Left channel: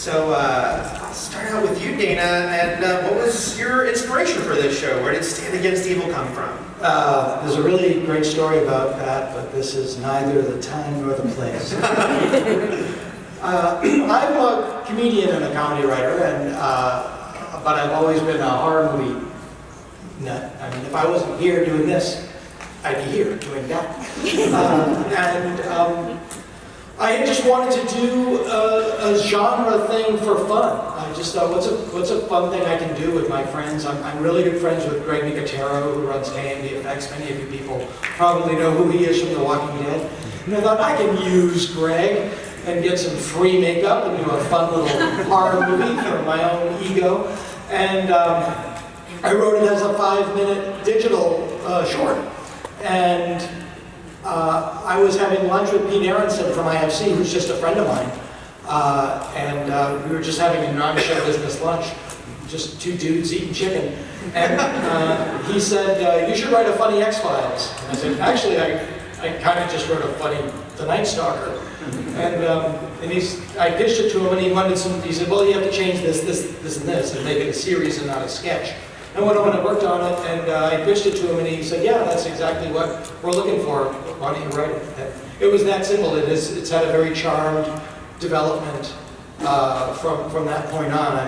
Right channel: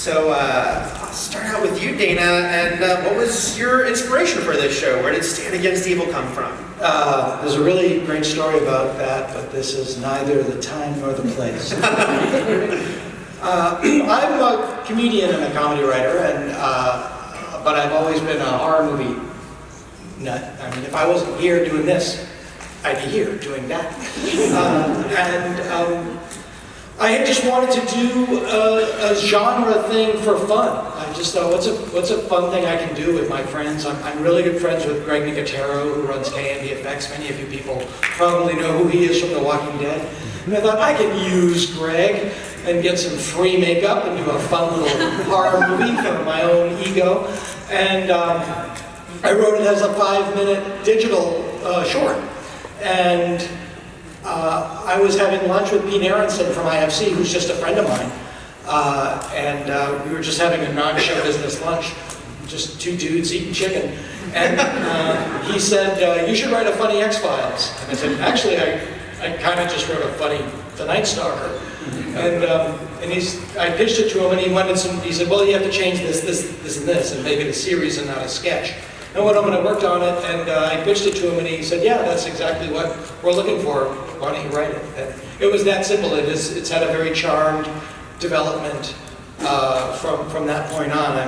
So I'll start out with you, Dana, and what was your inspiration for this show? Where did Stand Against Evil come from? There's a really great story about that, but this is neither the time nor the place. I'm a comedian and a comedy writer, and but I've always been a horror movie nut. I mean, if I wasn't here doing this, I'd be here doing that. I had just wanted to do a genre thing for fun. I just thought, what's a fun thing I can do with my friends? I'm really good friends with Greg Nicotero, who runs K&D Effects. Many of you people probably know who he is from The Walking Dead. And I thought, I can use Greg and get some free makeup and do a fun little horror movie for my own ego. And I wrote it as a 5-minute digital short. And I was having lunch with Pete Aronson from IFC, who's just a friend of mine, and we were just having a non-show business lunch, just two dudes eating chicken, and he said, you should write a funny X-Files. And I said, actually, I kind of just wrote a funny The Night Stalker. And I pitched it to him, and he said, well, you have to change this, and this, and make it a series and not a sketch. I went home and I worked on it, and I pitched it to him, and he said, yeah, that's exactly what we're looking for. Why don't you write it? And it was that simple. It's had a very charmed development from that point on.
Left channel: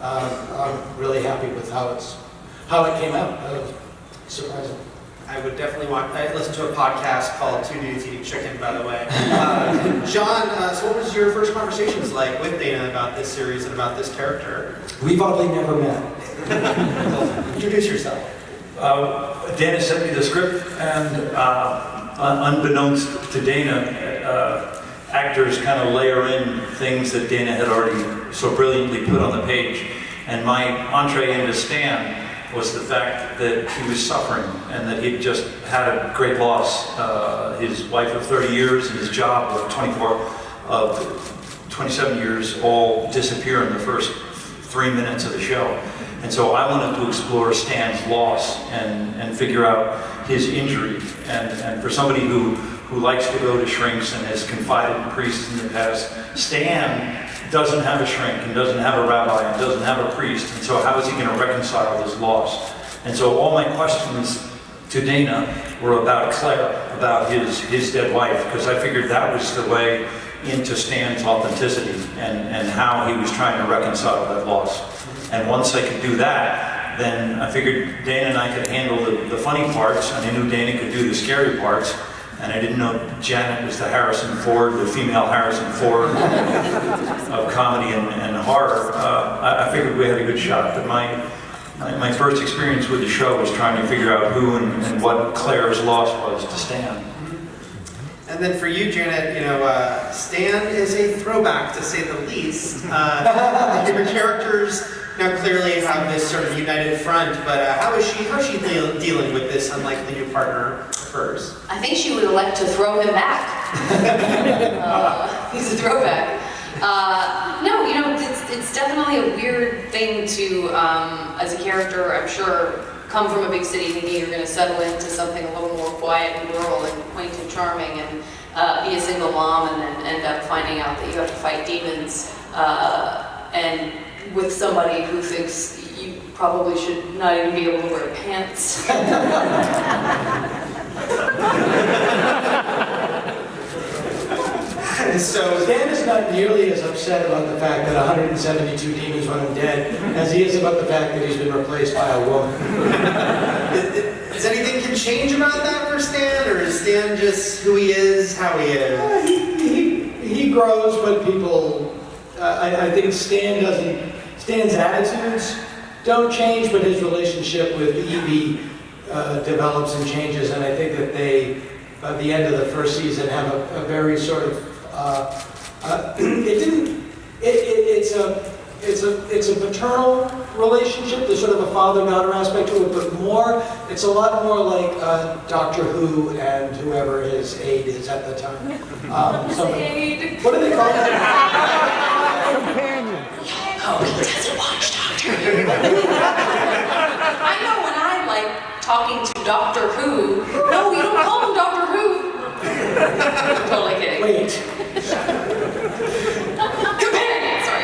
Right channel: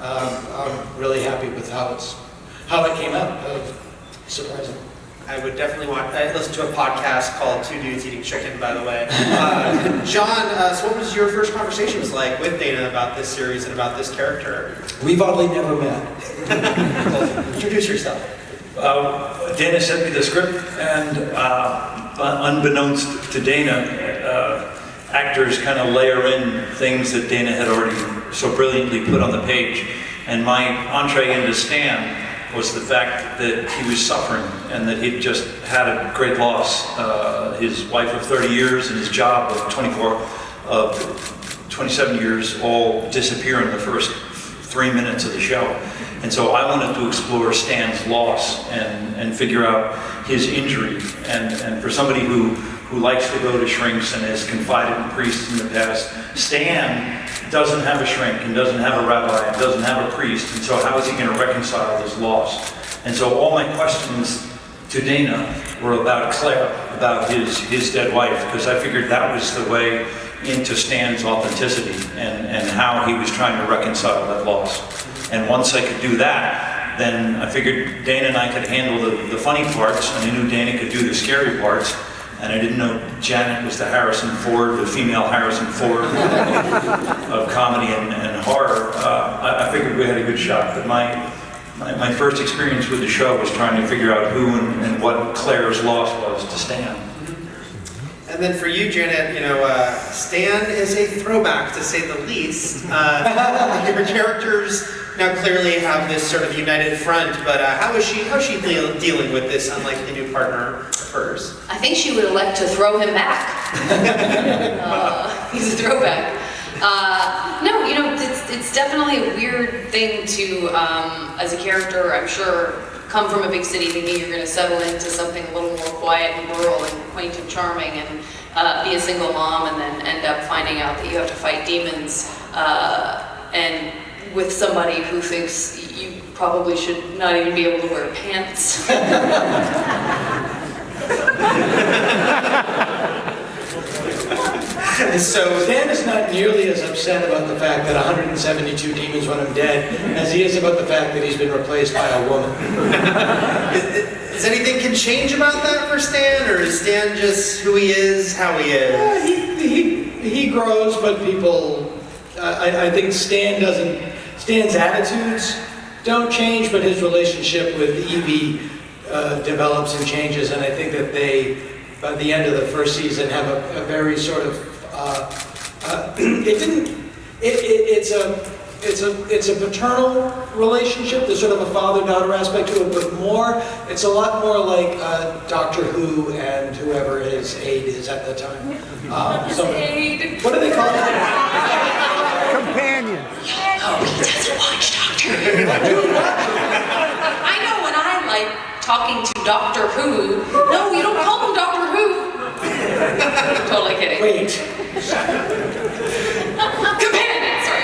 I'm really happy with how it came out. Surprising. I would definitely listen to a podcast called Two Dudes Eating Chicken, by the way. John, so what was your first conversations like with Dana about this series and about this character? We've oddly never met. Well, introduce yourself. Dana sent me the script, and unbeknownst to Dana, actors kind of layer in things that Dana had already so brilliantly put on the page. And my entree into Stan was the fact that he was suffering and that he'd just had a great loss. His wife of 30 years and his job of 27 years all disappear in the first 3 minutes of the show. And so I wanted to explore Stan's loss and figure out his injury. And for somebody who likes to go to shrinks and has confided in priests in the past, Stan doesn't have a shrink and doesn't have a rabbi and doesn't have a priest. And so how is he going to reconcile his loss? And so all my questions to Dana were about Claire, about his dead wife, because I figured that was the way into Stan's authenticity and how he was trying to reconcile that loss. And once I could do that, then I figured Dana and I could handle the funny parts, and I knew Dana could do the scary parts, and I didn't know Janet was the Harrison Ford, the female Harrison Ford of comedy and horror. I figured we had a good shot, but my first experience with the show was trying to figure out who and what Claire's loss was to Stan. And then for you, Janet, Stan is a throwback, to say the least. Your characters now clearly have this sort of united front, but how is she dealing with this unlikely new partner of hers? I think she would elect to throw him back. He's a throwback. No, it's definitely a weird thing to, as a character, I'm sure, come from a big city thinking you're going to settle into something a little more quiet and rural and quaint and charming, and be a single mom, and then end up finding out that you have to fight demons, and with somebody who thinks you probably should not even be able to wear pants. So Stan is not nearly as upset about the fact that 172 demons want him dead as he is about the fact that he's been replaced by a woman. Is anything can change about that for Stan, or is Stan just who he is, how he is? He grows, but people, I think Stan's attitudes don't change, but his relationship with Evie develops and changes, and I think that they, by the end of the first season, have a very sort of, it's a paternal relationship. There's sort of a father-daughter aspect to it, but it's a lot more like Doctor Who and whoever his aide is at the time. Aide. What do they call it? Companion. Oh, he doesn't watch Doctor Who. I know when I like talking to Doctor Who. No, you don't call him Doctor Who. Totally kidding. Wait. Companion, sorry.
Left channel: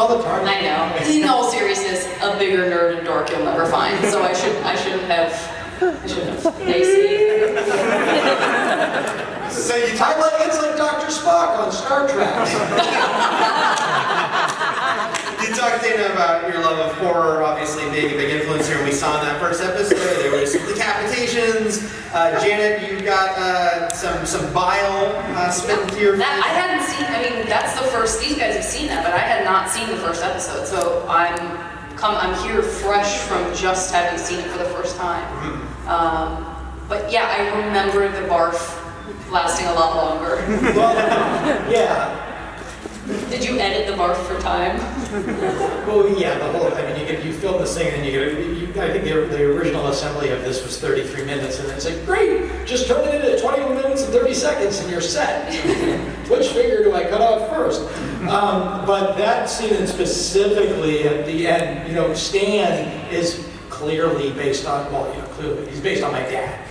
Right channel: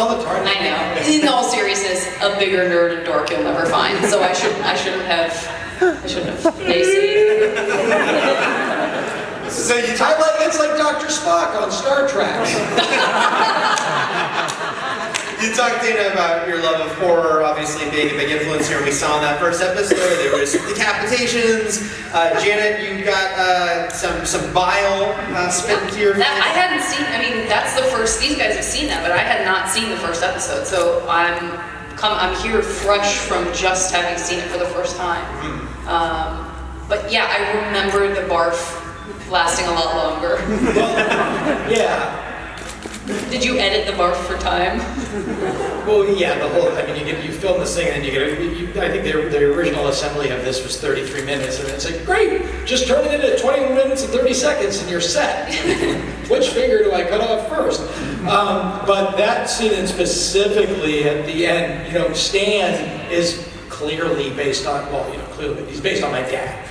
all the time. I know. In all seriousness, a bigger nerd and dork you'll never find. So I shouldn't have. Maybe. So you talk It's like Dr. Spock on Star Trek. You talked, Dana, about your love of horror, obviously being a big influence here. We saw in that first episode, there was decapitations. Janet, you got some bile spit into your face. I hadn't seen, I mean, that's the first, these guys have seen that, but I had not seen the first episode, so I'm here fresh from just having seen it for the first time. But yeah, I remember the barf lasting a lot longer. Well, yeah. Did you edit the barf for time? Well, yeah, you film this thing and I think the original assembly of this was 33 minutes, and it's like, great, just turn it into 20 minutes and 30 seconds and you're set. Which finger do I cut off first? But that scene specifically at the end, Stan is clearly based on, clearly, he's based on my dad.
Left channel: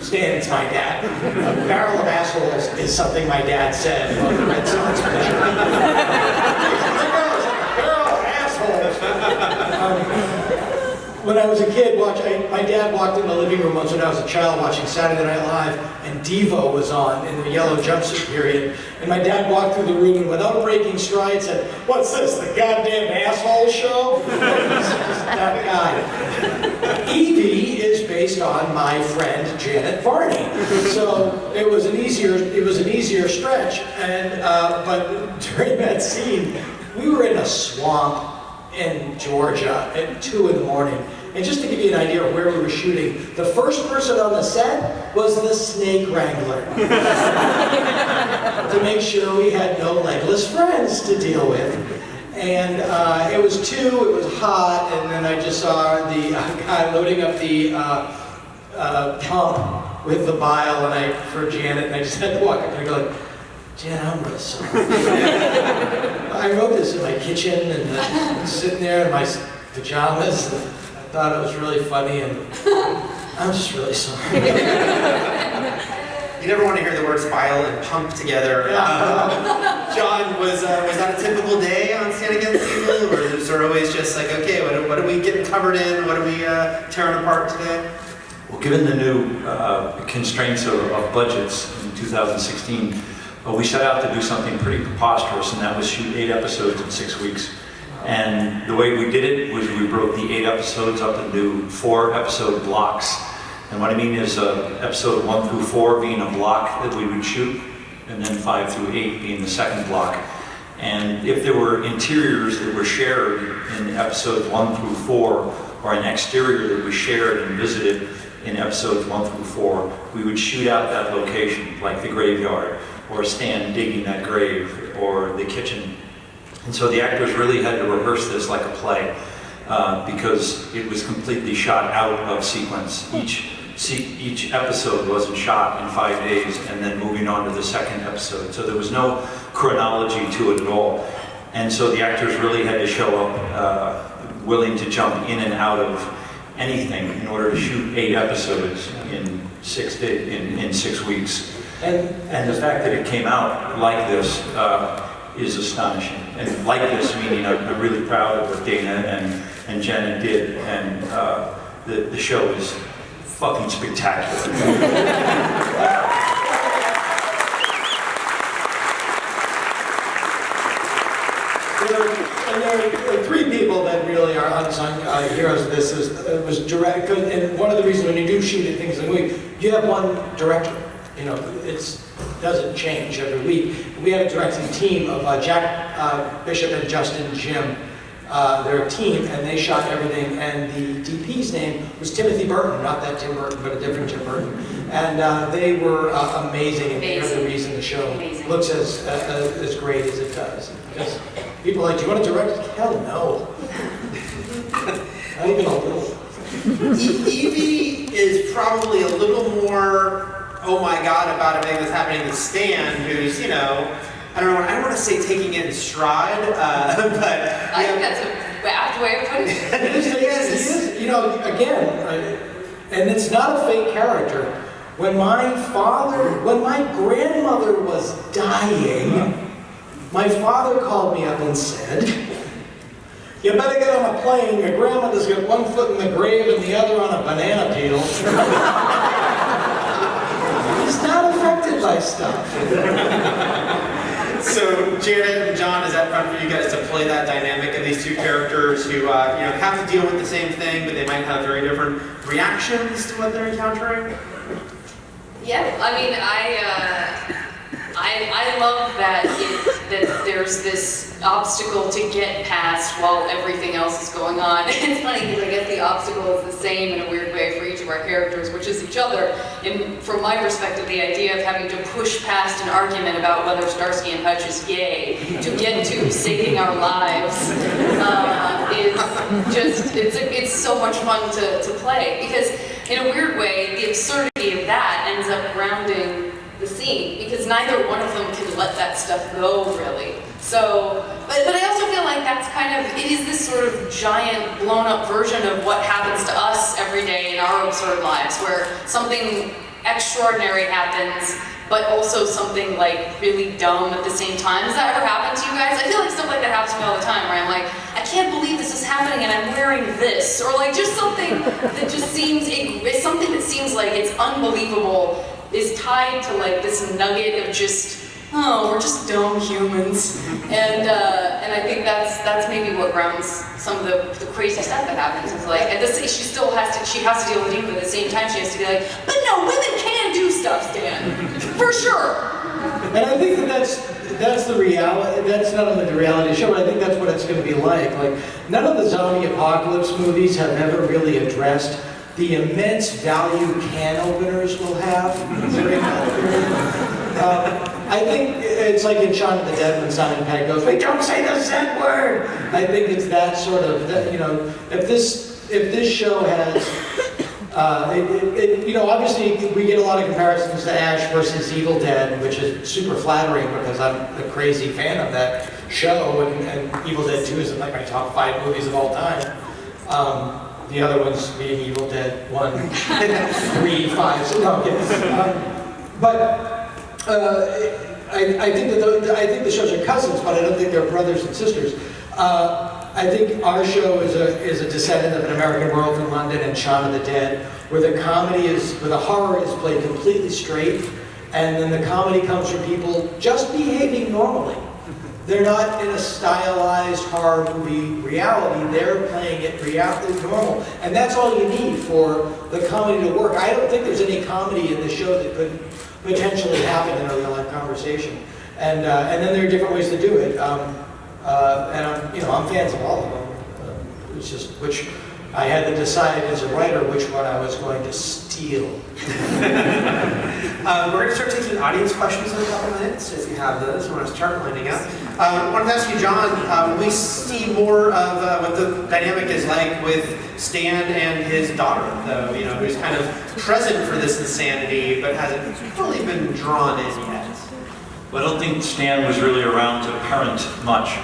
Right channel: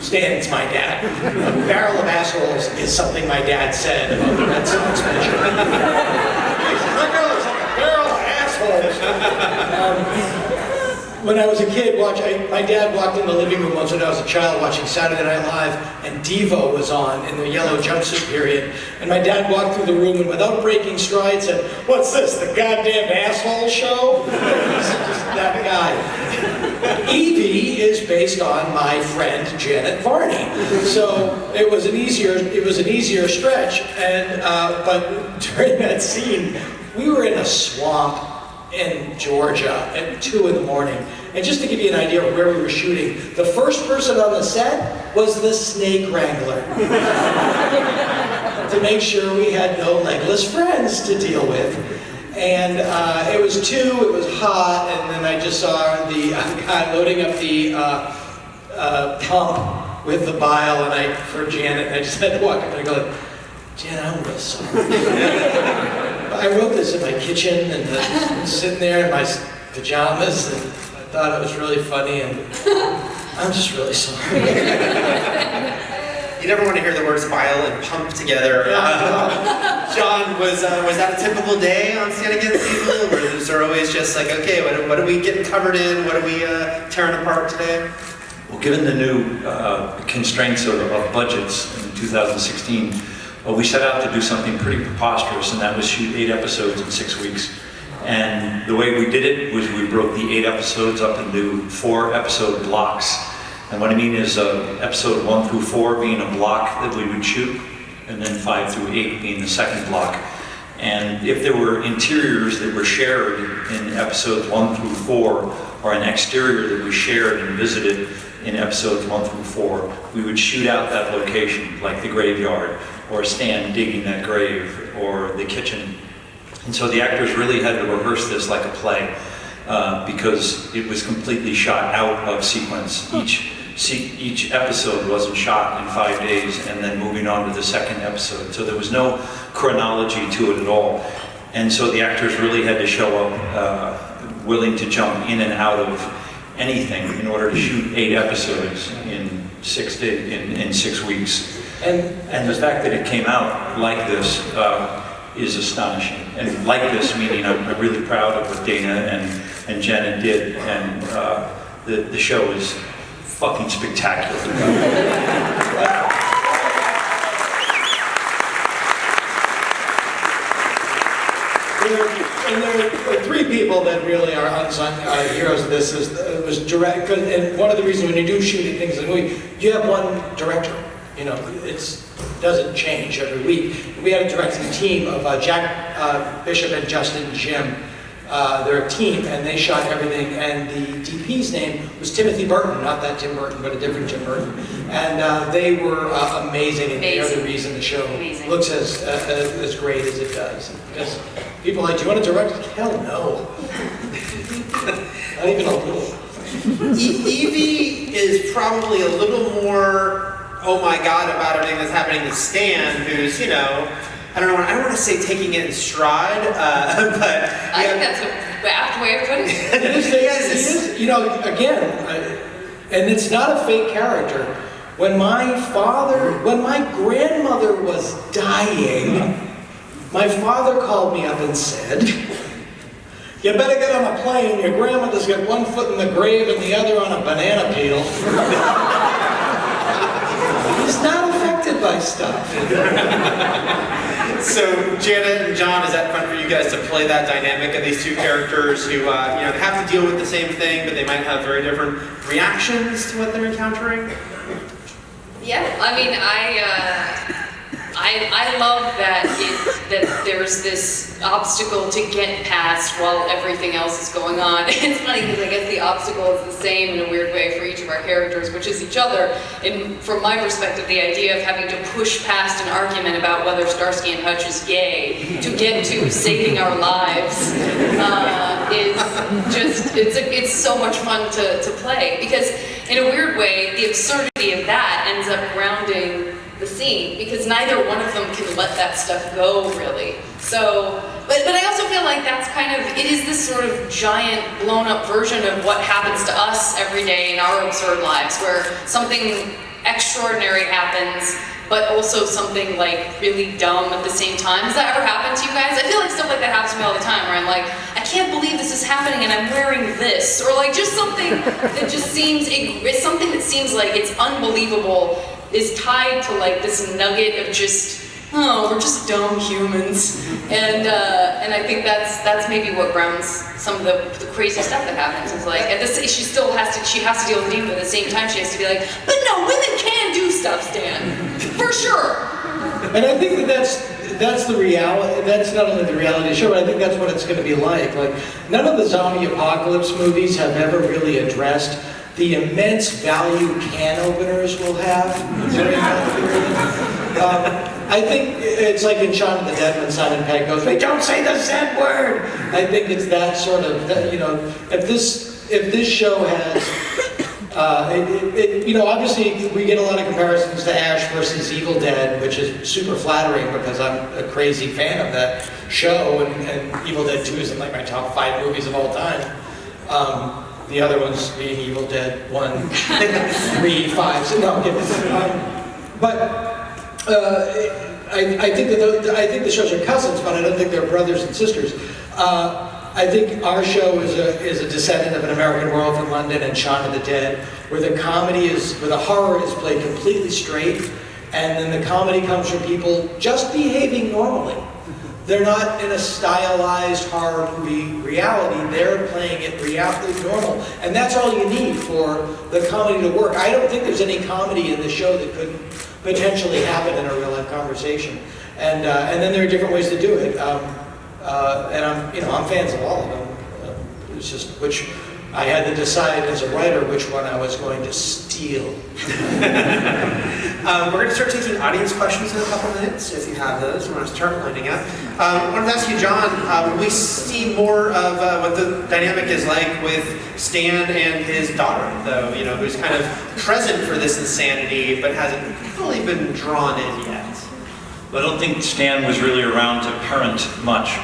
Stan's my dad. A barrel of assholes is something my dad said about the Red Sox pitcher. Look at a barrel of assholes. When I was a kid, my dad walked in the living room once when I was a child watching Saturday Night Live, and Devo was on in the yellow jumpsuit period. And my dad walked through the room and without breaking stride said, "What's this, the goddamn asshole show?" He's just that guy. Evie is based on my friend Janet Varney, so it was an easier stretch. And but during that scene, we were in a swamp in Georgia at 2 in the morning. And just to give you an idea of where we were shooting, the first person on the set was the snake wrangler. To make sure we had no legless friends to deal with. And it was 2, it was hot, and then I just saw the guy loading up the pump with the bile, and for Janet, and I just had to walk up and go like, "Janet, I'm really sorry." I wrote this in my kitchen, and I'm sitting there in my pajamas, and I thought it was really funny, and I'm just really sorry. You never want to hear the words bile and pump together. John, was that a typical day on Stand Against Evil, or is there always just like, okay, what are we getting covered in? What are we tearing apart today? Well, given the new constraints of budgets in 2016, we set out to do something pretty preposterous, and that was shoot 8 episodes in 6 weeks. And the way we did it was we broke the 8 episodes up into 4-episode blocks. And what I mean is episode 1 through 4 being a block that we would shoot, and then 5 through 8 being the second block. And if there were interiors that were shared in episodes 1 through 4, or an exterior that we shared and visited in episodes 1 through 4, we would shoot out that location, like the graveyard, or Stan digging that grave, or the kitchen. And so the actors really had to rehearse this like a play, because it was completely shot out of sequence. Each episode wasn't shot in 5 days and then moving on to the second episode. So there was no chronology to it at all. And so the actors really had to show up willing to jump in and out of anything in order to shoot 8 episodes in 6 days, in 6 weeks. And the fact that it came out like this is astonishing. And like this, meaning I'm really proud of what Dana and Janet did, and the show is fucking spectacular. There are 3 people that really are unsung heroes of this. It was direct, and one of the reasons when you do shoot things in the movie, you have one director. It doesn't change every week. We had a directing team of Jack Bishop and Justin Jim. They're a team, and they shot everything. And the DP's name was Timothy Burton, not that Tim Burton, but a different Tim Burton. And they were amazing, and they're the reason the show looks as great as it does. Because people are like, "Do you want to direct?" Hell no. Not even a little. Evie is probably a little more, oh my God, about everything that's happening to Stan, who's, I don't want to say taking it in stride, but... I think that's a apt way of putting it. It is, again, and it's not a fake character. When my grandmother was dying, my father called me up and said, You better get on a plane. Your grandmother's got one foot in the grave and the other on a banana peel. He's not affected by stuff. So, Janet and John, is that fun for you guys to play that dynamic of these two characters who have to deal with the same thing, but they might have very different reactions to what they're encountering? Yeah, I mean, I love that that there's this obstacle to get past while everything else is going on. It's funny because I guess the obstacle is the same in a weird way for each of our characters, which is each other. And from my perspective, the idea of having to push past an argument about whether Starsky and Hutch is gay to get to saving our lives is just, it's so much fun to play. Because in a weird way, the absurdity of that ends up grounding the scene, because neither one of them can let that stuff go, really. So, but I also feel like that's kind of, it is this sort of giant blown up version of what happens to us every day in our absurd lives, where something extraordinary happens, but also something like really dumb at the same time. Does that ever happen to you guys? I feel like stuff like that happens to me all the time, where I'm like, I can't believe this is happening and I'm wearing this, or like just something that just seems, it's something that seems like it's unbelievable is tied to like this nugget of just, oh, we're just dumb humans. And I think that's maybe what grounds some of the crazy stuff that happens. Is like, at this, she has to deal with demons at the same time. She has to be like, but no, women can do stuff, Stan, for sure. And I think that's the reality. That's not only the reality of the show, but I think that's what it's going to be like. Like, none of the zombie apocalypse movies have ever really addressed the immense value can openers will have. I think it's like in Shaun of the Dead when Simon Pegg goes, "Wait, don't say the Z word." I think it's that sort of, if this show has, obviously we get a lot of comparisons to Ash versus Evil Dead, which is super flattering because I'm a crazy fan of that show, and Evil Dead 2 is in like my top 5 movies of all time. The other ones being Evil Dead 1, 3, 5. So no, I'm kidding. I think the shows are cousins, but I don't think they're brothers and sisters. I think our show is a descendant of An American Werewolf in London and Shaun of the Dead, where the horror is played completely straight, and then the comedy comes from people just behaving normally. They're not in a stylized horror movie reality, they're playing it reality normal. And that's all you need for the comedy to work. I don't think there's any comedy in the show that could potentially happen in a real life conversation. And then there are different ways to do it. And I'm fans of all of them. It's just which I had to decide as a writer which one I was going to steal. We're going to start taking audience questions in a couple minutes, if you have those. We're going to start lining up. I wanted to ask you, John, we see more of what the dynamic is like with Stan and his daughter, though, who's kind of present for this insanity, but hasn't fully been drawn in yet. But I don't think Stan was really around to parent much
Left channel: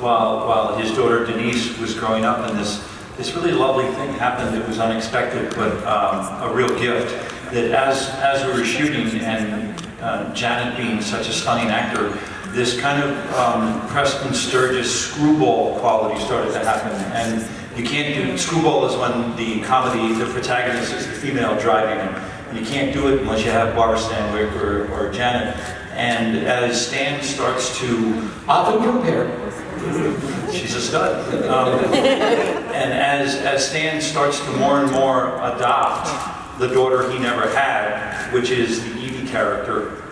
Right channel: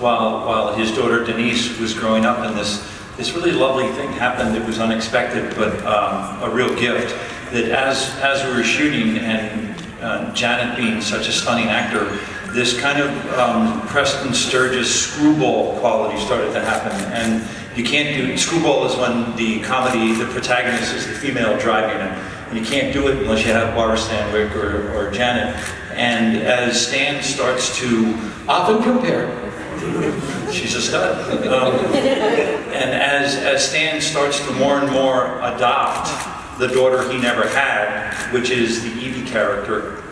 while his daughter Denise was growing up, and this really lovely thing happened that was unexpected, but a real gift. That as we were shooting, and Janet being such a stunning actor, this kind of Preston Sturges screwball quality started to happen. And you can't do, screwball is when the protagonist is the female driving it. You can't do it unless you have Barbara Stanwyck or Janet. And as Stan starts to... Often compared. She's a stud. And as Stan starts to more and more adopt the daughter he never had, which is the Evie character,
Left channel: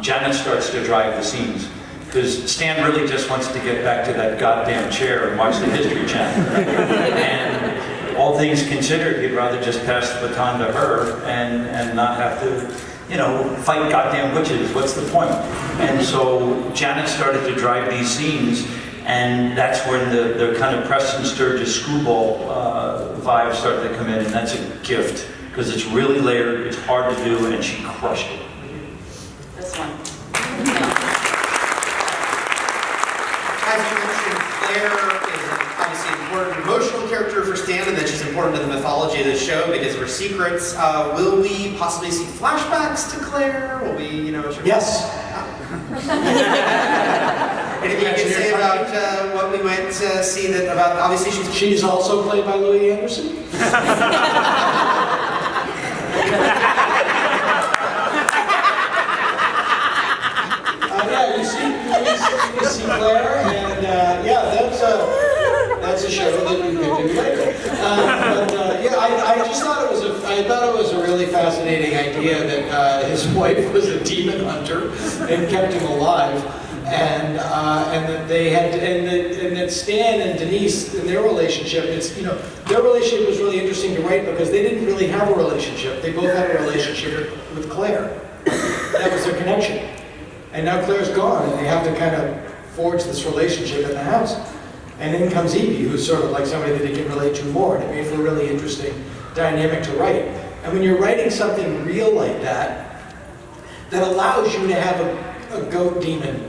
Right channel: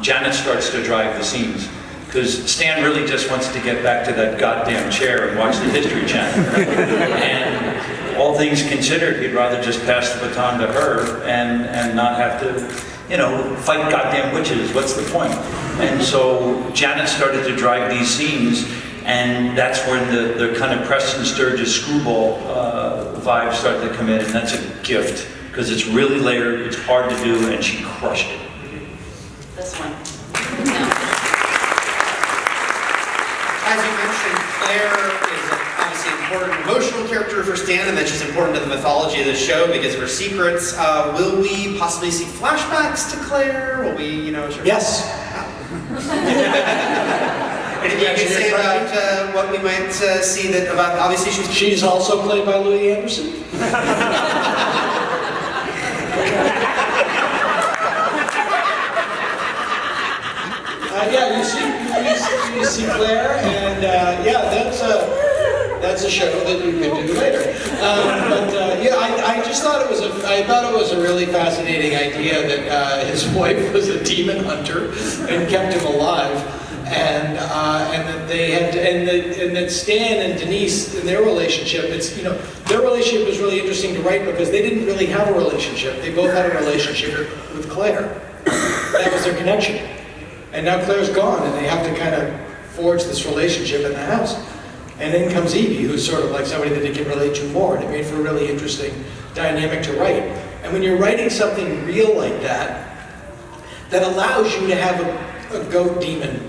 Janet starts to drive the scenes. Because Stan really just wants to get back to that goddamn chair and watch the History Channel. And all things considered, he'd rather just pass the baton to her and not have to, fight goddamn witches. What's the point? And so Janet started to drive these scenes, and that's when the kind of Preston Sturges screwball vibe started to come in, and that's a gift. Because it's really layered, it's hard to do, and she crushed it. This one. As you mentioned, Claire is obviously an important emotional character for Stan, and that she's important to the mythology of the show because of her secrets. Will we possibly see flashbacks to Claire? Will we, Yes. Anything you can say about what we might see that about, obviously She's also played by Louis Anderson. Yeah, you see Claire, and yeah, that's a show that you can do later. Yeah, I just thought it was a really fascinating idea that his wife was a demon hunter and kept him alive, and that they had and that Stan and Denise in their relationship, their relationship was really interesting to write because they didn't really have a relationship. They both had a relationship with Claire. That was their connection. And now Claire's gone, and they have to kind of forge this relationship in the house. And then comes Evie, who's sort of like somebody that they can relate to more, and it made for a really interesting dynamic to write. And when you're writing something real like that, that allows you to have a goat demon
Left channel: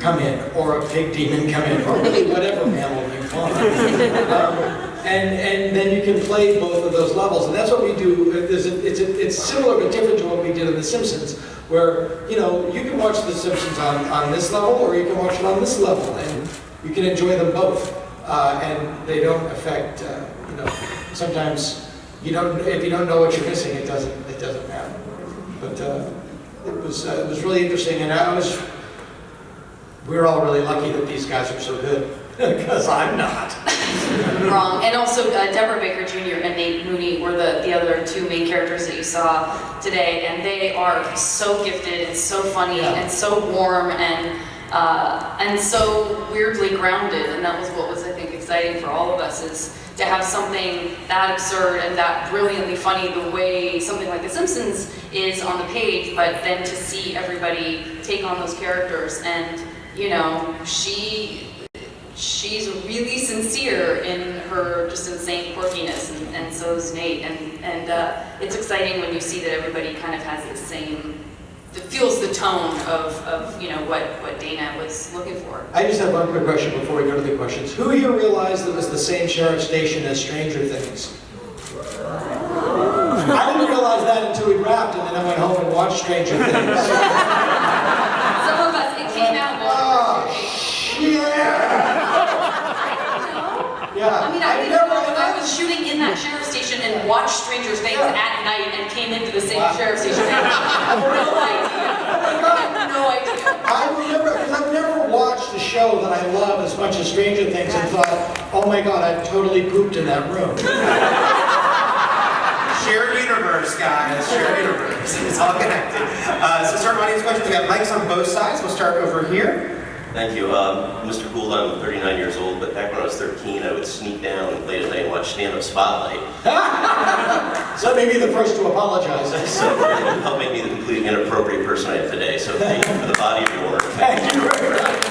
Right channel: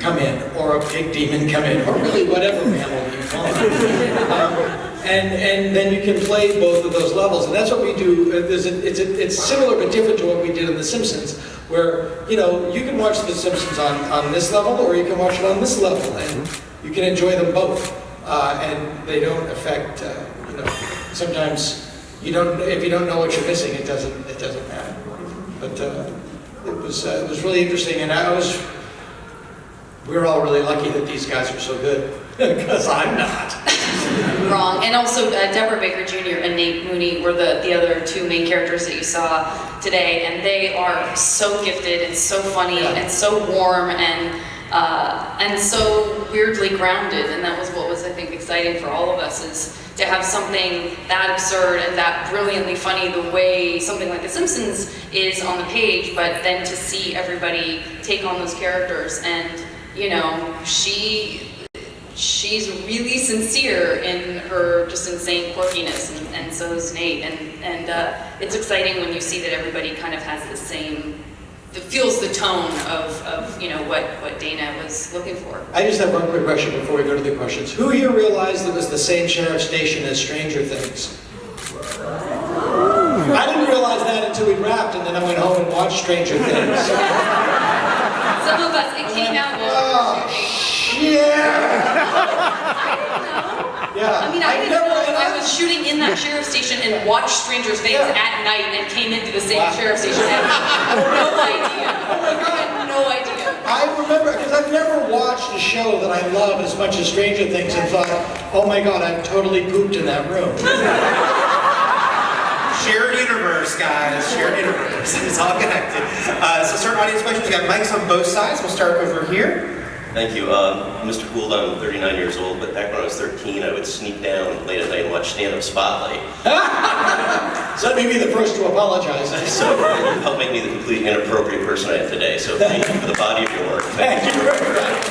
come in, or a pig demon come in, or really whatever mammal you want. And then you can play both of those levels, and that's what we do. It's similar but different to what we did in The Simpsons, where you can watch The Simpsons on this level, or you can watch it on this level, and you can enjoy them both, and they don't affect. Sometimes if you don't know what you're missing, it doesn't matter. But it was really interesting, and we're all really lucky that these guys are so good, because I'm not. Wrong. And also Deborah Baker Jr. and Nate Mooney were the other two main characters that you saw today, and they are so gifted and so funny and so warm and so weirdly grounded, and that was what was, I think, exciting for all of us, is to have something that absurd and that brilliantly funny the way something like The Simpsons is on the page, but then to see everybody take on those characters. And she's really sincere in her just insane quirkiness, and so is Nate, and it's exciting when you see that everybody kind of has the same, feels the tone of what Dana was looking for. I just have one quick question before we go to the questions. Who here realized it was the same sheriff station as Stranger Things? I didn't realize that until we wrapped, and then I went home and watched Stranger Things. Some of us, it came out while we were shooting. Yeah. I mean, I didn't know I was shooting in that sheriff station and watched Stranger Things at night and came into the same sheriff station at night. I have no idea. I have no idea. I remember, because I've never watched a show that I love as much as Stranger Things and thought, oh my God, I've totally pooped in that room. Shared universe, guys. Shared universe. It's all connected. So start audience questions. We got mics on both sides. We'll start over here. Thank you. Mr. Gould, I'm 39 years old, but back when I was 13, I would sneak down late at night and watch stand-up Spotlight. So let me be the first to apologize. So it helped make me the completely inappropriate person I am today. So thank you for the body of your work. Thank you very much.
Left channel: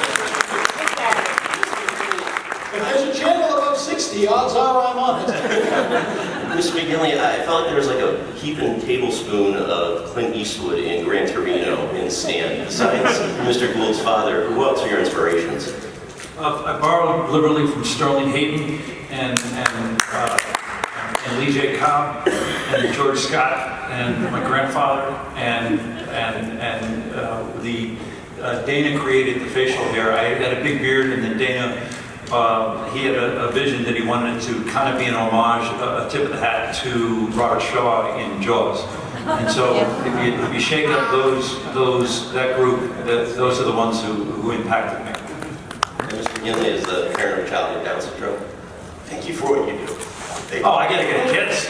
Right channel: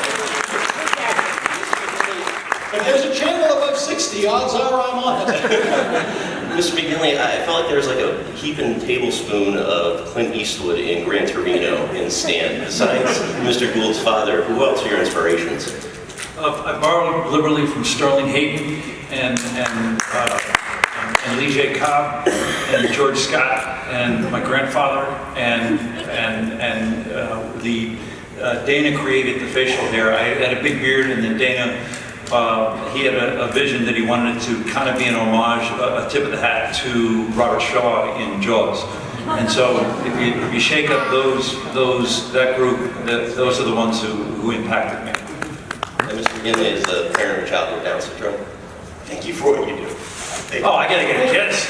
If there's a channel above 60, odds are I'm on it. Mr. McGinley, I felt like there was like a heaping tablespoon of Clint Eastwood in Gran Torino in Stan. Besides Mr. Gould's father, who else are your inspirations? I borrowed liberally from Sterling Hayden and Lee J. Cobb and George Scott and my grandfather and Dana created the facial hair. I had a big beard, and then Dana. He had a vision that he wanted to kind of be an homage, a tip of the hat to Robert Shaw in Jaws. And so if you shake up that group, those are the ones who impacted me. And Mr. McGinley is the parent of a child with Down syndrome. Thank you for what you do. Oh, I gotta get a kiss.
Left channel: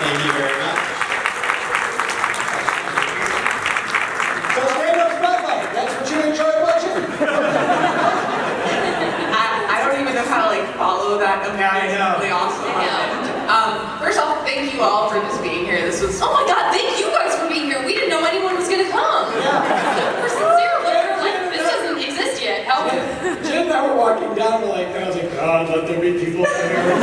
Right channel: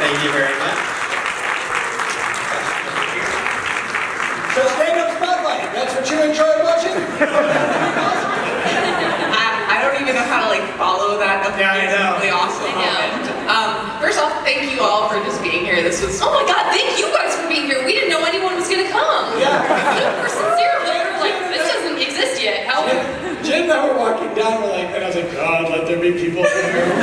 Thank you very much. So stand-up Spotlight, that's what you enjoy watching? I don't even know how to follow that. Yeah, I know. Really awesome. I know. First off, thank you all for just being here. This was Oh my God, thank you guys for being here. We didn't know anyone was gonna come. Yeah. We're sincere. This doesn't exist yet. How? Jen and I were walking down, and I was like, God, let there be people here. We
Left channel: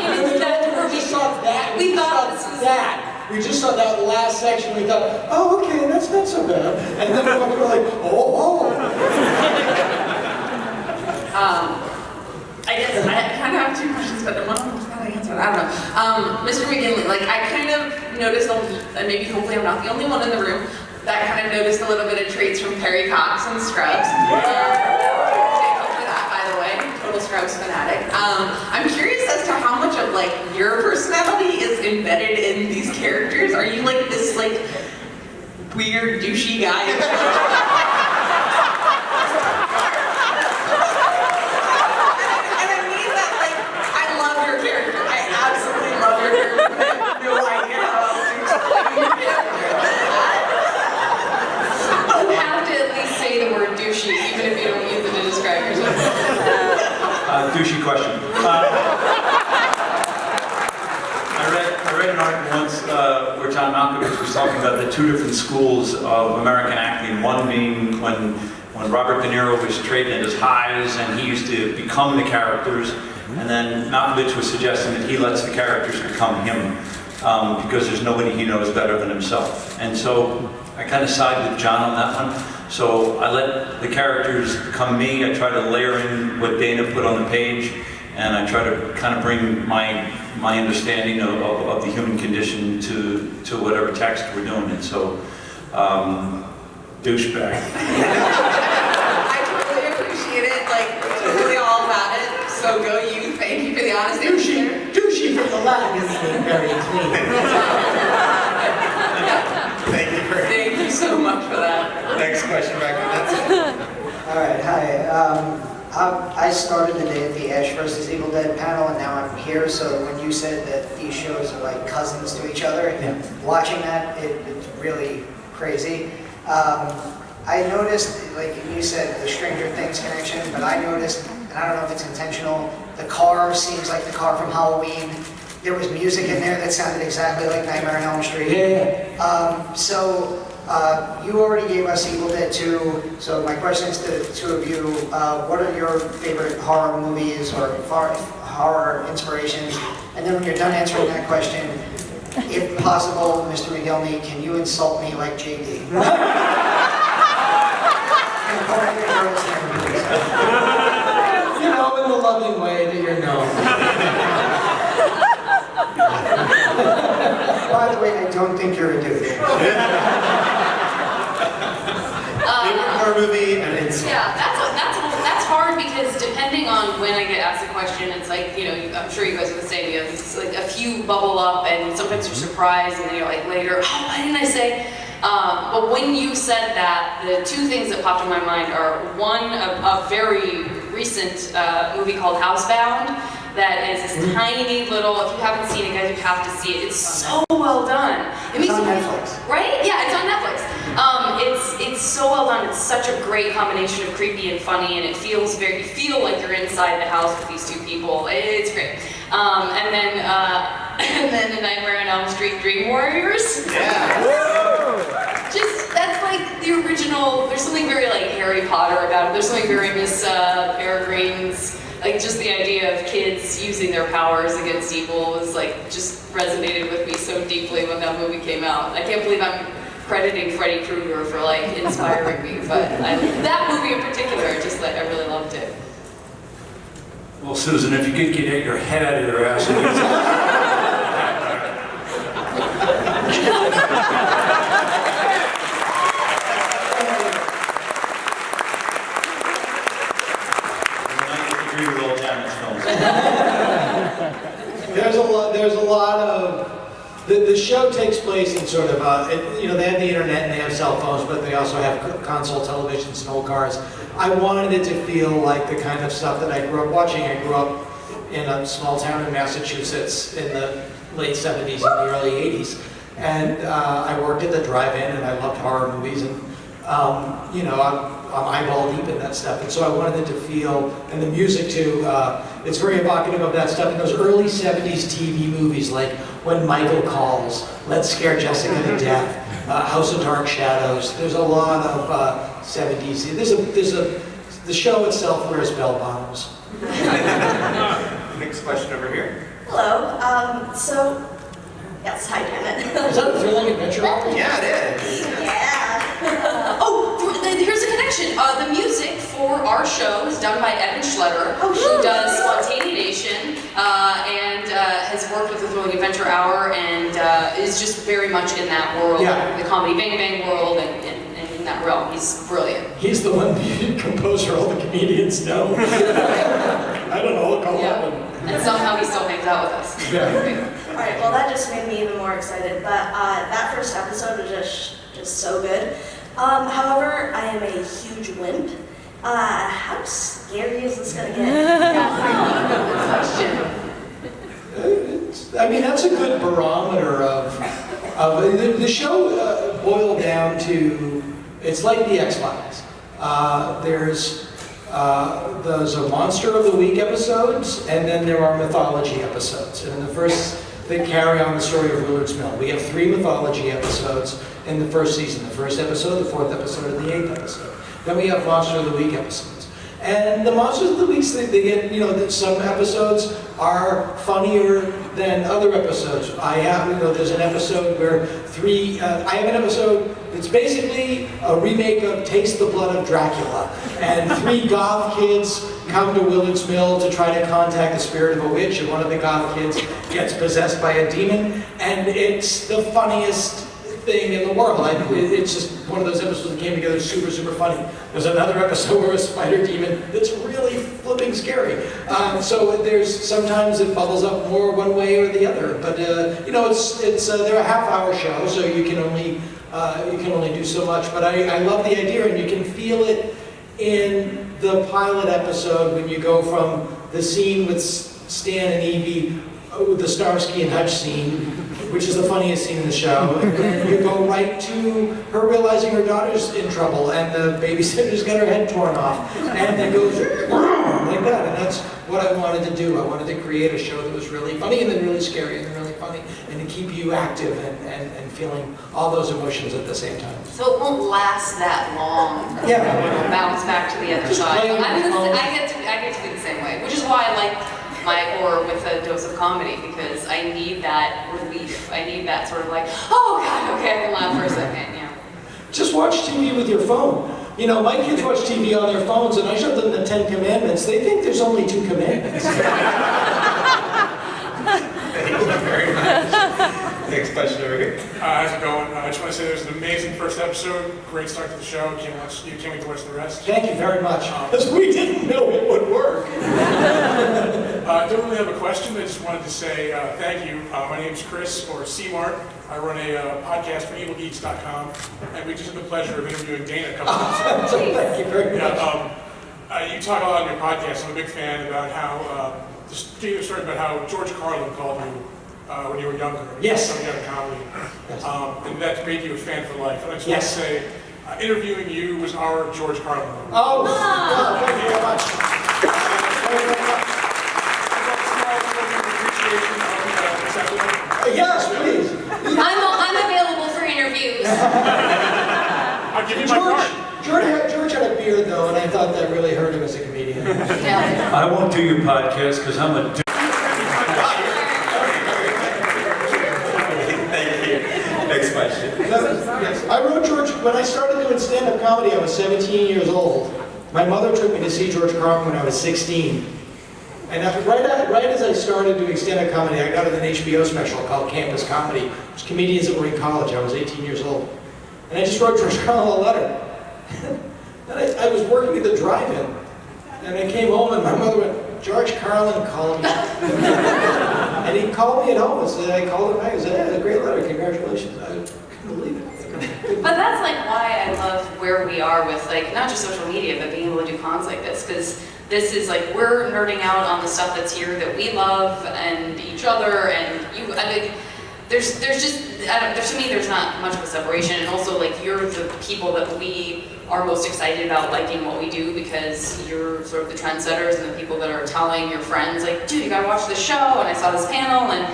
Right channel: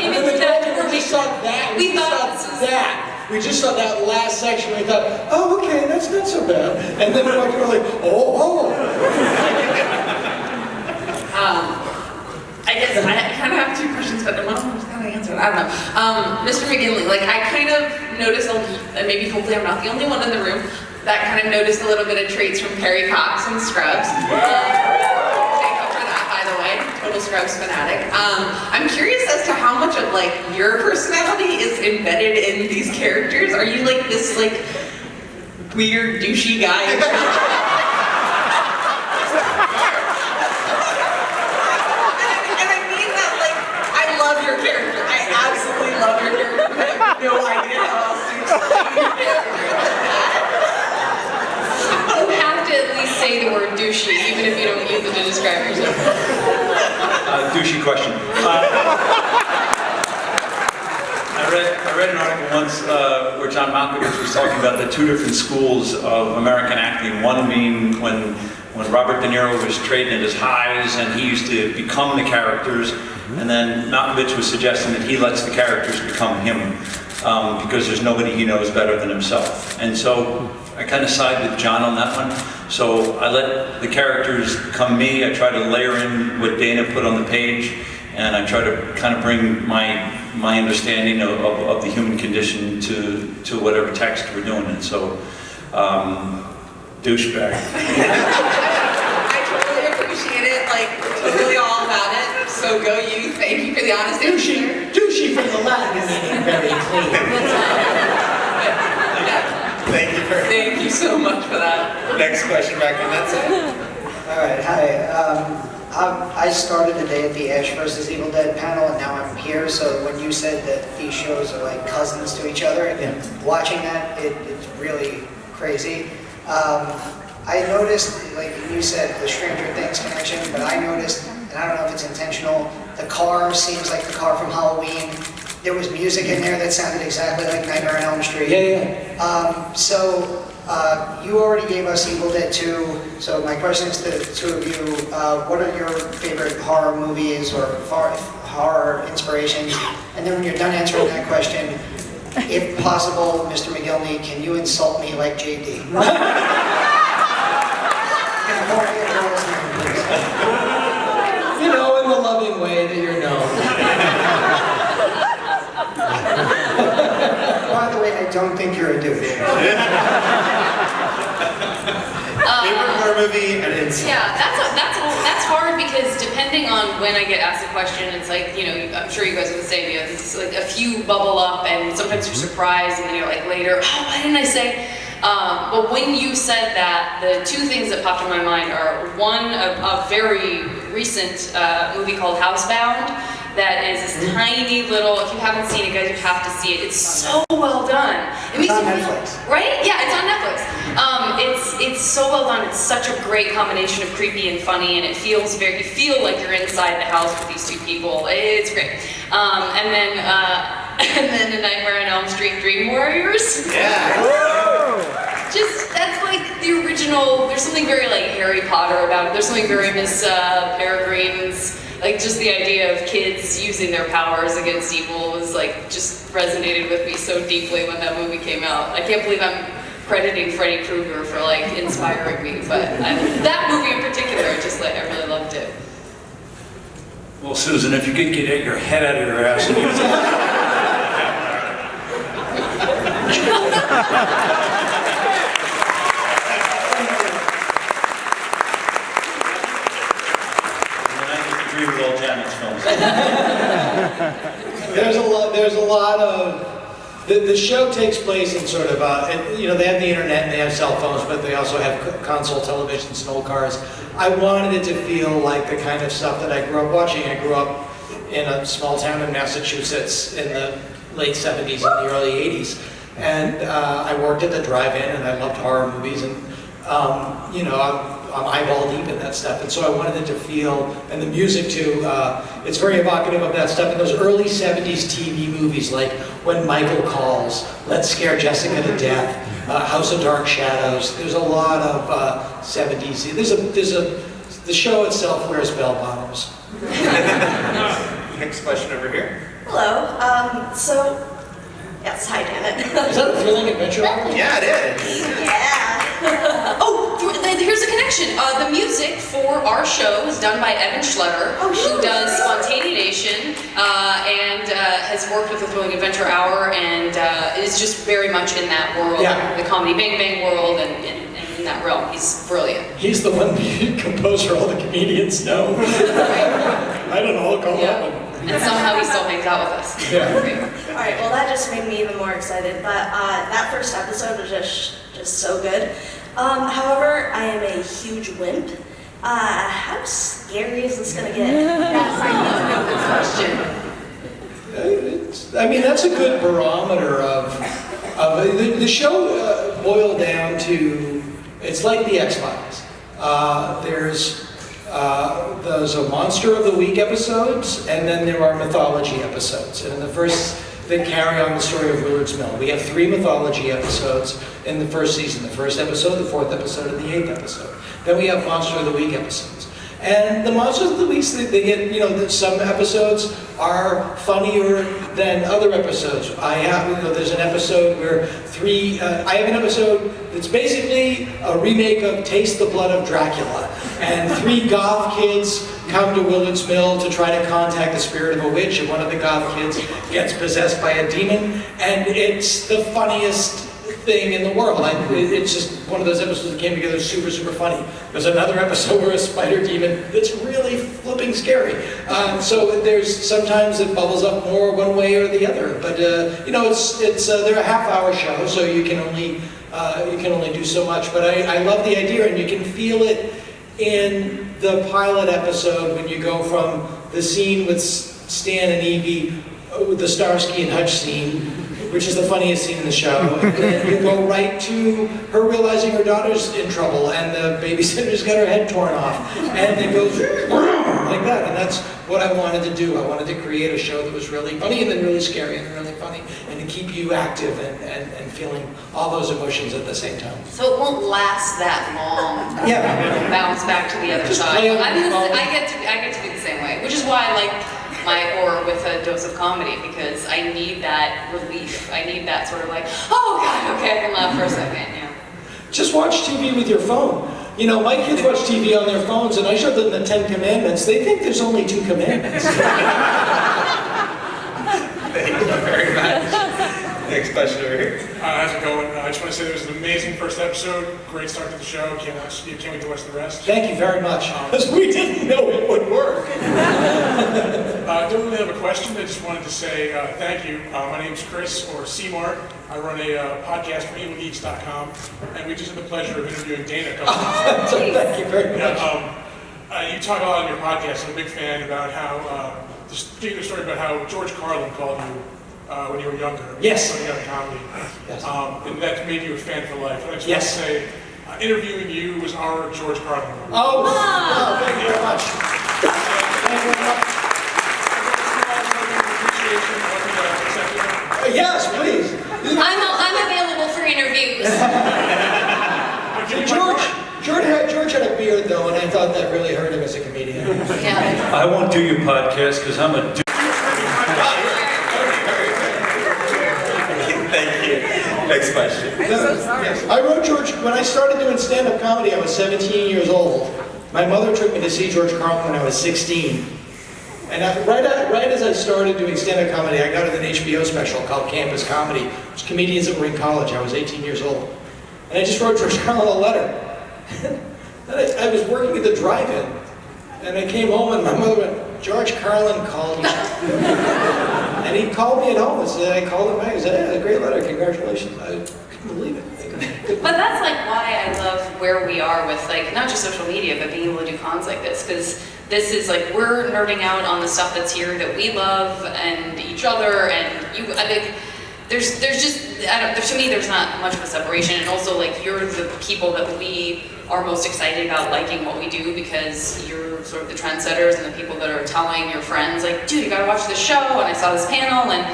came And into we that told you door. we saw that. We thought saw this was that. We just saw that last section, we thought, oh, okay, that's not so bad. And then we were like, oh. I guess I kind of have two questions, but one of them was kind of answered. I don't know. Mr. McGinley, like I kind of noticed, and maybe hopefully I'm not the only one in the room, that kind of noticed a little bit of traits from Perry Cox and Scrubs. Thank you for that, by the way. Total Scrubs fanatic. I'm curious as to how much of like your personality is embedded in these characters. Are you like this like weird douchey guy? No idea how else to explain You have to at least say the word douchey, even if you don't use it to describe yourself. Douchey question. I read an article once where John Malkovich was talking about the two different schools of American acting. One being when Robert De Niro was trading at his highs and he used to become the characters, and then Malkovich was suggesting that he lets the characters become him because there's nobody he knows better than himself. And so I kind of side with John on that one. So I let the characters become me. I try to layer in what Dana put on the page, and I try to kind of bring my understanding of the human condition to whatever text we're doing. And so, douchebag. I totally appreciate it, like, totally all about it. So go you, thank you for the honesty. Douchey from the Latin is very clean. Thank you so much for that. Next question back on that side. All right, hi. I started the day at the Ash vs. Evil Dead panel, and now I'm here. So when you said that these shows are like cousins to each other, and watching that, it's really crazy. I noticed, like you said, the Stranger Things connection, but I noticed, and I don't know if it's intentional, the car seems like the car from Halloween. There was music in there that sounded exactly like Nightmare on Elm Street. Yeah. You already gave us Evil Dead 2, so my question is to the two of you, what are your favorite horror movies or horror inspirations? And then when you're done answering that question, if possible, Mr. McGinley, can you insult me like JD? You know, in the loving way that you're known. By the way, I don't think you're a douche. Favorite horror movie and insult. Yeah, that's hard because depending on when I get asked a question, it's like, you know, I'm sure you guys would say, you know, it's like a few bubble up and sometimes you're surprised and then you're like later, oh, why didn't I say? But when you said that, the two things that popped in my mind are one, a very recent movie called Housebound that is this tiny little, if you haven't seen it, guys, you have to see it. It's so well done. It's on Netflix. Right? Yeah, it's on Netflix. It's so well done. It's such a great combination of creepy and funny, and it feels you feel like you're inside the house with these two people. It's great. And then The Nightmare on Elm Street Dream Warriors. Yeah. Just, that's like the original, there's something very like Harry Potter about it. There's something very Miss Peregrine's, like just the idea of kids using their powers against evil was like, just resonated with me so deeply when that movie came out. I can't believe I'm crediting Freddy Krueger for like inspiring me, but that movie in particular, I really loved it. Well, Susan, if you could get your head out of your ass and use There's a lot of, the show takes place in sort of, you know, they have the internet and they have cell phones, but they also have console televisions and old cars. I wanted it to feel like the kind of stuff that I grew up watching. I grew up in a small town in Massachusetts in the late 70s and the early 80s. And I worked at the drive-in and I loved horror movies, and you know, I'm eyeball deep in that stuff. And so I wanted it to feel, and the music too, it's very evocative of that stuff. In those early 70s TV movies like When Michael Calls, Let's Scare Jessica to Death, House of Dark Shadows, there's a lot of 70s. The show itself wears bell bottoms. Next question over here. Hello. So Yes, I did. Is that a thrilling adventure novel? Yeah, it is. Yeah. Oh, here's a connection. The music for our show is done by Evan Schletter, Oh, who sure. does Spontaneation and has worked with the Thrilling Adventure Hour and is just very much in that world, Yeah. the Comedy Bang Bang world, and in that realm. He's brilliant. He's the one composer all the comedians know. I don't know, look all Yeah. that one. And somehow he still hangs out with us. Yeah. All right, well, that just made me even more excited. But that first episode was just so good. However, I am a huge wimp. How scary is this gonna get? That's a good question. I mean, that's a good barometer of the show boiled down to, it's like the X-Files. There's a Monster of the Week episodes, and then there are mythology episodes. And the first, they carry on the story of Lourdes Mill. We have 3 mythology episodes in the first season. The first episode, the 4th episode, and the 8th episode. Then we have Monster of the Week episodes. And the Monsters of the Weeks, they get, some episodes are funnier than other episodes. There's an episode where I have an episode that's basically a remake of Taste the Blood of Dracula. And 3 goth kids come to Willard's Mill to try to contact the spirit of a witch, and one of the goth kids gets possessed by a demon, and it's the funniest thing in the world. It's just one of those episodes that came together super, super funny. There's another episode where a spider demon that's really flipping scary. So there's sometimes it bubbles up more one way or the other. But they're a half-hour show, so you can only do so much. But I love the idea, and you can feel it in the pilot episode when you go from the scene with Stan and Evie, the Starsky and Hutch scene, which is the funniest scene in the show. And then you go right to her realizing her daughter's in trouble and the babysitter's got her head torn off. And it goes like that. And that's what I wanted to do. I wanted to create a show that was really funny and then really scary and then really funny and to keep you active and feeling all those emotions at the same time. So it won't last that long. Yeah. It'll bounce back to the other Just side. play on I the phone. get to be the same way, which is why I like my horror with a dose of comedy, because I need that relief. I need that sort of like, oh God, okay, I can laugh for a second. Yeah. Just watch TV with your phone. My kids watch TV on their phones, and I showed them the 10 Commandments. They think there's only 2 commandments. Very much. Next question over here. How's it going? I just want to say it was an amazing first episode. Great start to the show. Can't wait to watch the rest. Thank you very much, because we didn't know it would work. I don't really have a question. I just wanted to say thank you. My name's Chris, or C-Mart. I run a podcast for evilgeeks.com, and we just had the pleasure of interviewing Dana a couple times. Thank you very much. Yeah, you talk a lot in your podcast. I'm a big fan about how, just giving a story about how George Carlin called you when you were younger. Yes. Coming out of comedy. Yes. And that made you a fan for life. And I just Yes. want to say, interviewing you was our George Carlin moment. Oh, thank you very much. Thank you very much. Yes, please. I'm available for interviews. George had a beard, though, and I thought that really hurt him as a comedian. Yeah. I won't do your podcast because I'm a dude. Thank you. Next question. I wrote George, when I started doing stand-up comedy, I was 17 years old. My mother took me to see George Carlin when I was 16. And right as I started doing stand-up comedy, I got an HBO special called Campus Comedy. It was comedians that were in college. I was 18 years old. And I just wrote George Carlin a letter. Then I was working at the drive-in. And I came home and my mother went, George Carlin called me. And he called me at home and said, I called him back and said, yeah, a great letter, congratulations. I couldn't believe it. But that's like why I love where we are with like not just social media, but being able to do cons like this, because this is like we're nerding out on the stuff that's here that we love and each other, and you. I mean, there's just to me there's not much of a separation, and also like you're the people that we are most excited about liking what we do, because you're sort of the trendsetters and the people that are telling your friends like, dude, you gotta watch this show, and I saw this panel, and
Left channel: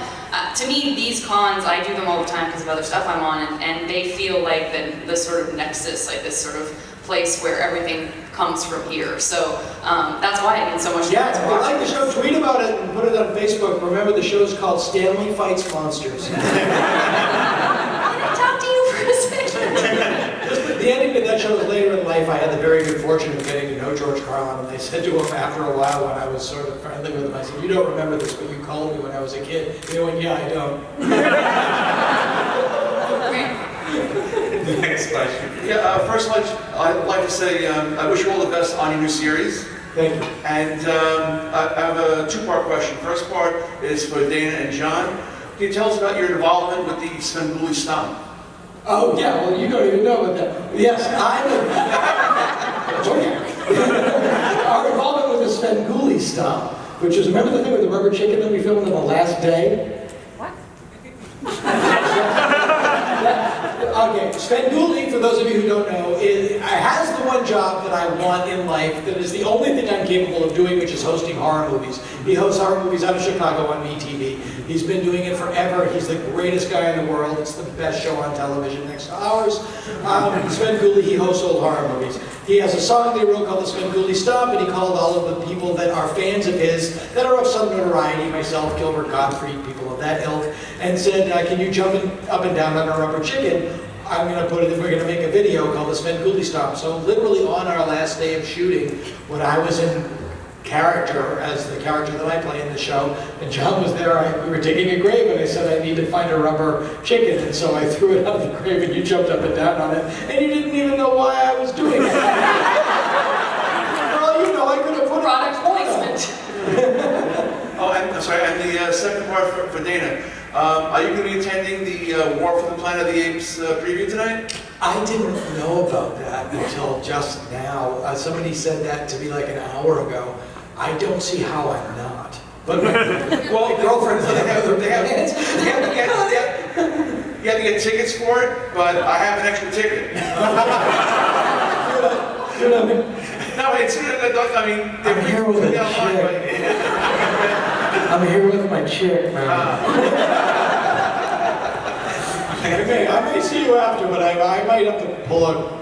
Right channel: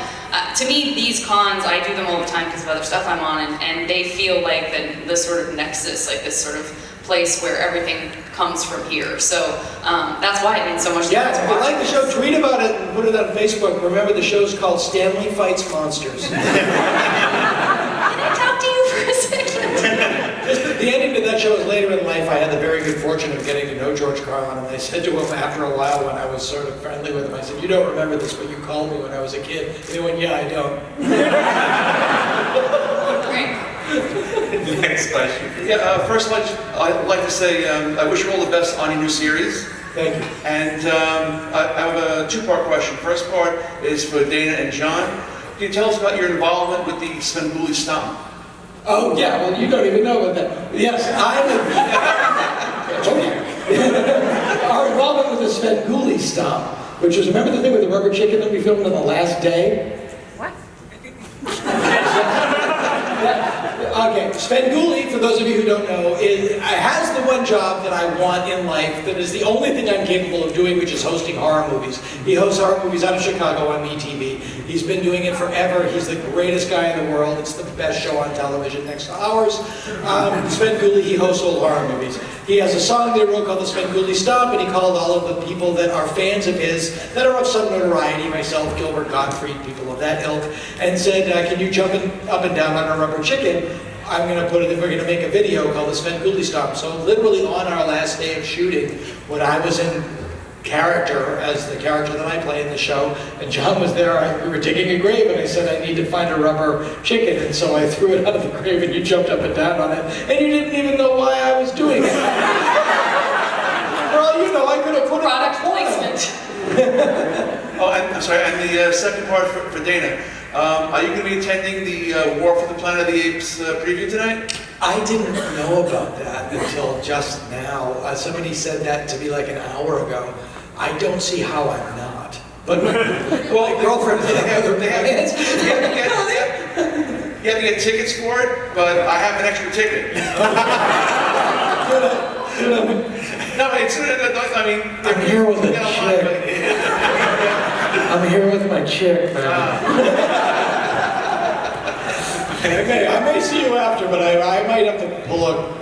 to me these cons, I do them all the time because of other stuff I'm on, and they feel like the sort of nexus, like this sort of place where everything comes from here. So that's why it means so much to Yeah, me to if you watch like the this. show, tweet about it and put it on Facebook. Remember, the show's called Stanley Fights Monsters. Can I talk to you for a second? The ending to that show is later in life. I had the very good fortune of getting to know George Carlin, and I said to him after a while when I was sort of friendly with him, I said, "You don't remember this, but you called me when I was a kid." And he went, "Yeah, I don't." Next question. Yeah, first I'd like to say I wish you all the best on your new series. Thank you. And I have a two-part question. First part is for Dana and John. Can you tell us about your involvement with the Svengoolie Stomp? Oh, yeah, well, you don't even know about that. Yes, our involvement with the Svengoolie Stomp, which is, remember the thing with the rubber chicken that we filmed on the last day? What? Okay, Svengoolie, for those of you who don't know, has the one job that I want in life that is the only thing I'm capable of doing, which is hosting horror movies. He hosts horror movies out of Chicago on MeTV. He's been doing it forever. He's the greatest guy in the world. It's the best show on television next to ours. Svengoolie, he hosts old horror movies. He has a song that he wrote called the Svengoolie Stomp, and he called all of the people that are fans of his, that are of some notoriety, myself, Gilbert Gottfried, people of that ilk, and said, can you jump up and down on a rubber chicken? I'm going to put it, we're going to make a video called the Svengoolie Stomp. So literally on our last day of shooting, when I was in character, as the character that I play in the show, and John was there, we were digging a grave, and I said, I need to find a rubber chicken, and so I threw it out of the grave, and you jumped up and down on it, and you didn't even know why I was doing it. For all you know, I could have put Product placement. Oh, and I'm sorry, and the second part for Dana. Are you going to be attending the War for the Planet of the Apes preview tonight? I didn't know about that until just now. Somebody said that to me like an hour ago. I don't see how I'm not. But well, my girlfriend You have to get tickets for it, but I have an extra ticket. No, it's, I mean... I'm here with a chick. I'm here with my chick, man. Okay, I may see you after, but I might have to pull a...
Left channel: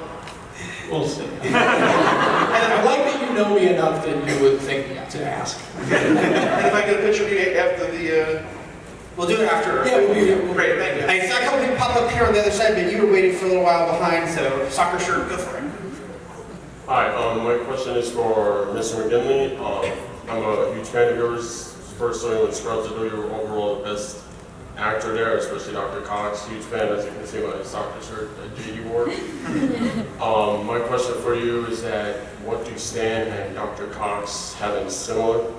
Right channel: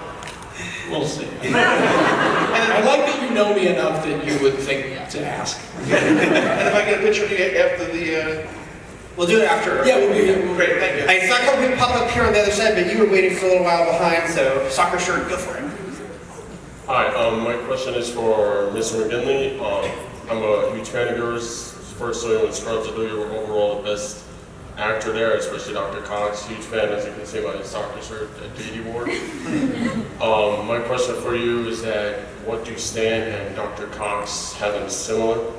We'll see. And I like that you know me enough that you would think to ask. And if I get a picture of you after the... We'll do it after. Yeah, we'll be here. Great, thank you. I saw a couple people pop up here on the other side, but you were waiting for a little while behind, so soccer shirt, go for it. Hi, my question is for Mr. McGinley. I'm a huge fan of yours. First starting with Scrubs, I know you were overall the best actor there, especially Dr. Cox. Huge fan, as you can see by the soccer shirt that JD wore. My question for you is that what do Stan and Dr. Cox have in similar?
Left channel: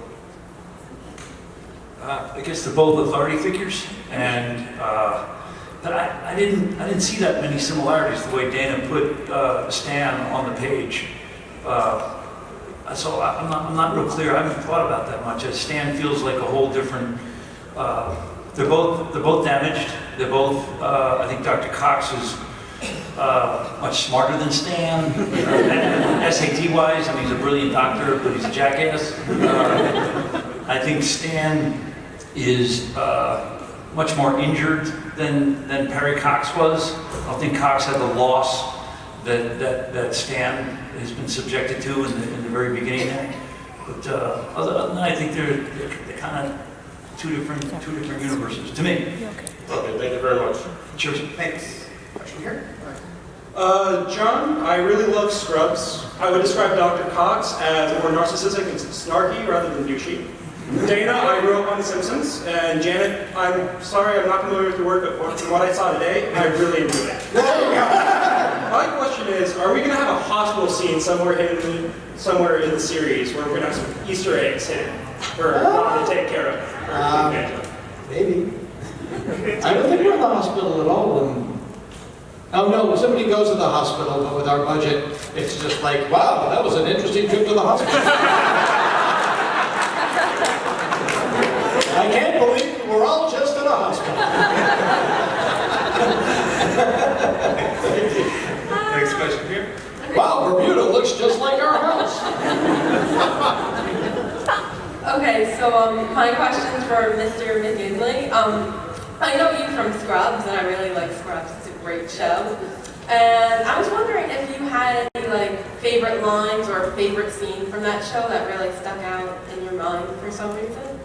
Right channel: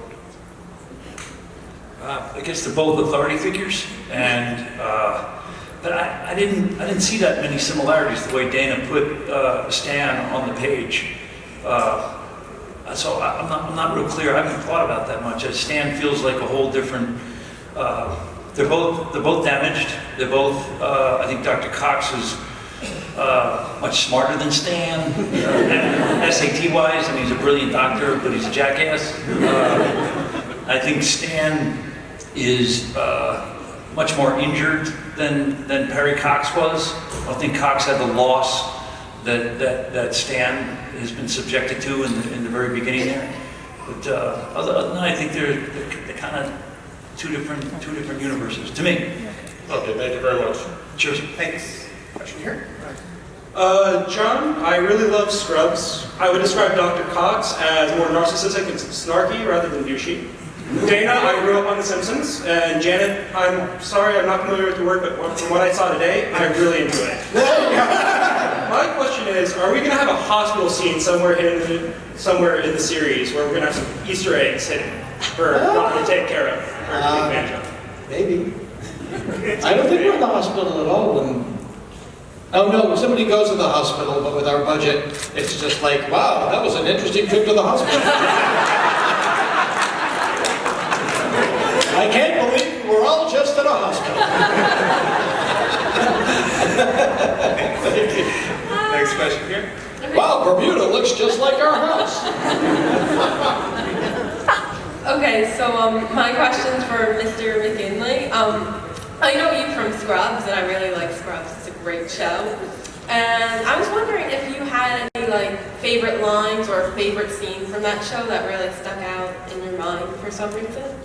I guess they're both authority figures, and but I didn't see that many similarities the way Dana put Stan on the page. So I'm not real clear. I haven't thought about that much. As Stan feels like a whole different. They're both damaged. They're both. I think Dr. Cox is much smarter than Stan. SAT-wise, I mean, he's a brilliant doctor, but he's a jackass. I think Stan is much more injured than Perry Cox was. I don't think Cox had the loss that Stan has been subjected to in the very beginning there. But other than that, I think they're kind of two different universes to me. Okay, thank you very much. Sure. Thanks. Question here? John, I really love Scrubs. I would describe Dr. Cox as more narcissistic and snarky rather than douchey. Dana, I grew up on The Simpsons. And Janet, I'm sorry, I'm not familiar with your work, but from what I saw today, I really enjoyed it. My question is, are we going to have a hospital scene somewhere in the series where we're going to have some Easter eggs hidden for Ron to take care of? Or take advantage of? Maybe. I don't think we're in the hospital at all when... Oh no, somebody goes to the hospital, but with our budget, it's just like, wow, that was an interesting trip to the hospital. I can't believe we're all just at a hospital. Next question here. Wow, Bermuda looks just like our house. Okay, so my question's for Mr. McGinley. I know you from Scrubs, and I really like Scrubs. It's a great show. And I was wondering if you had any any like favorite lines or favorite scene from that show that really stuck out in your mind for some reason?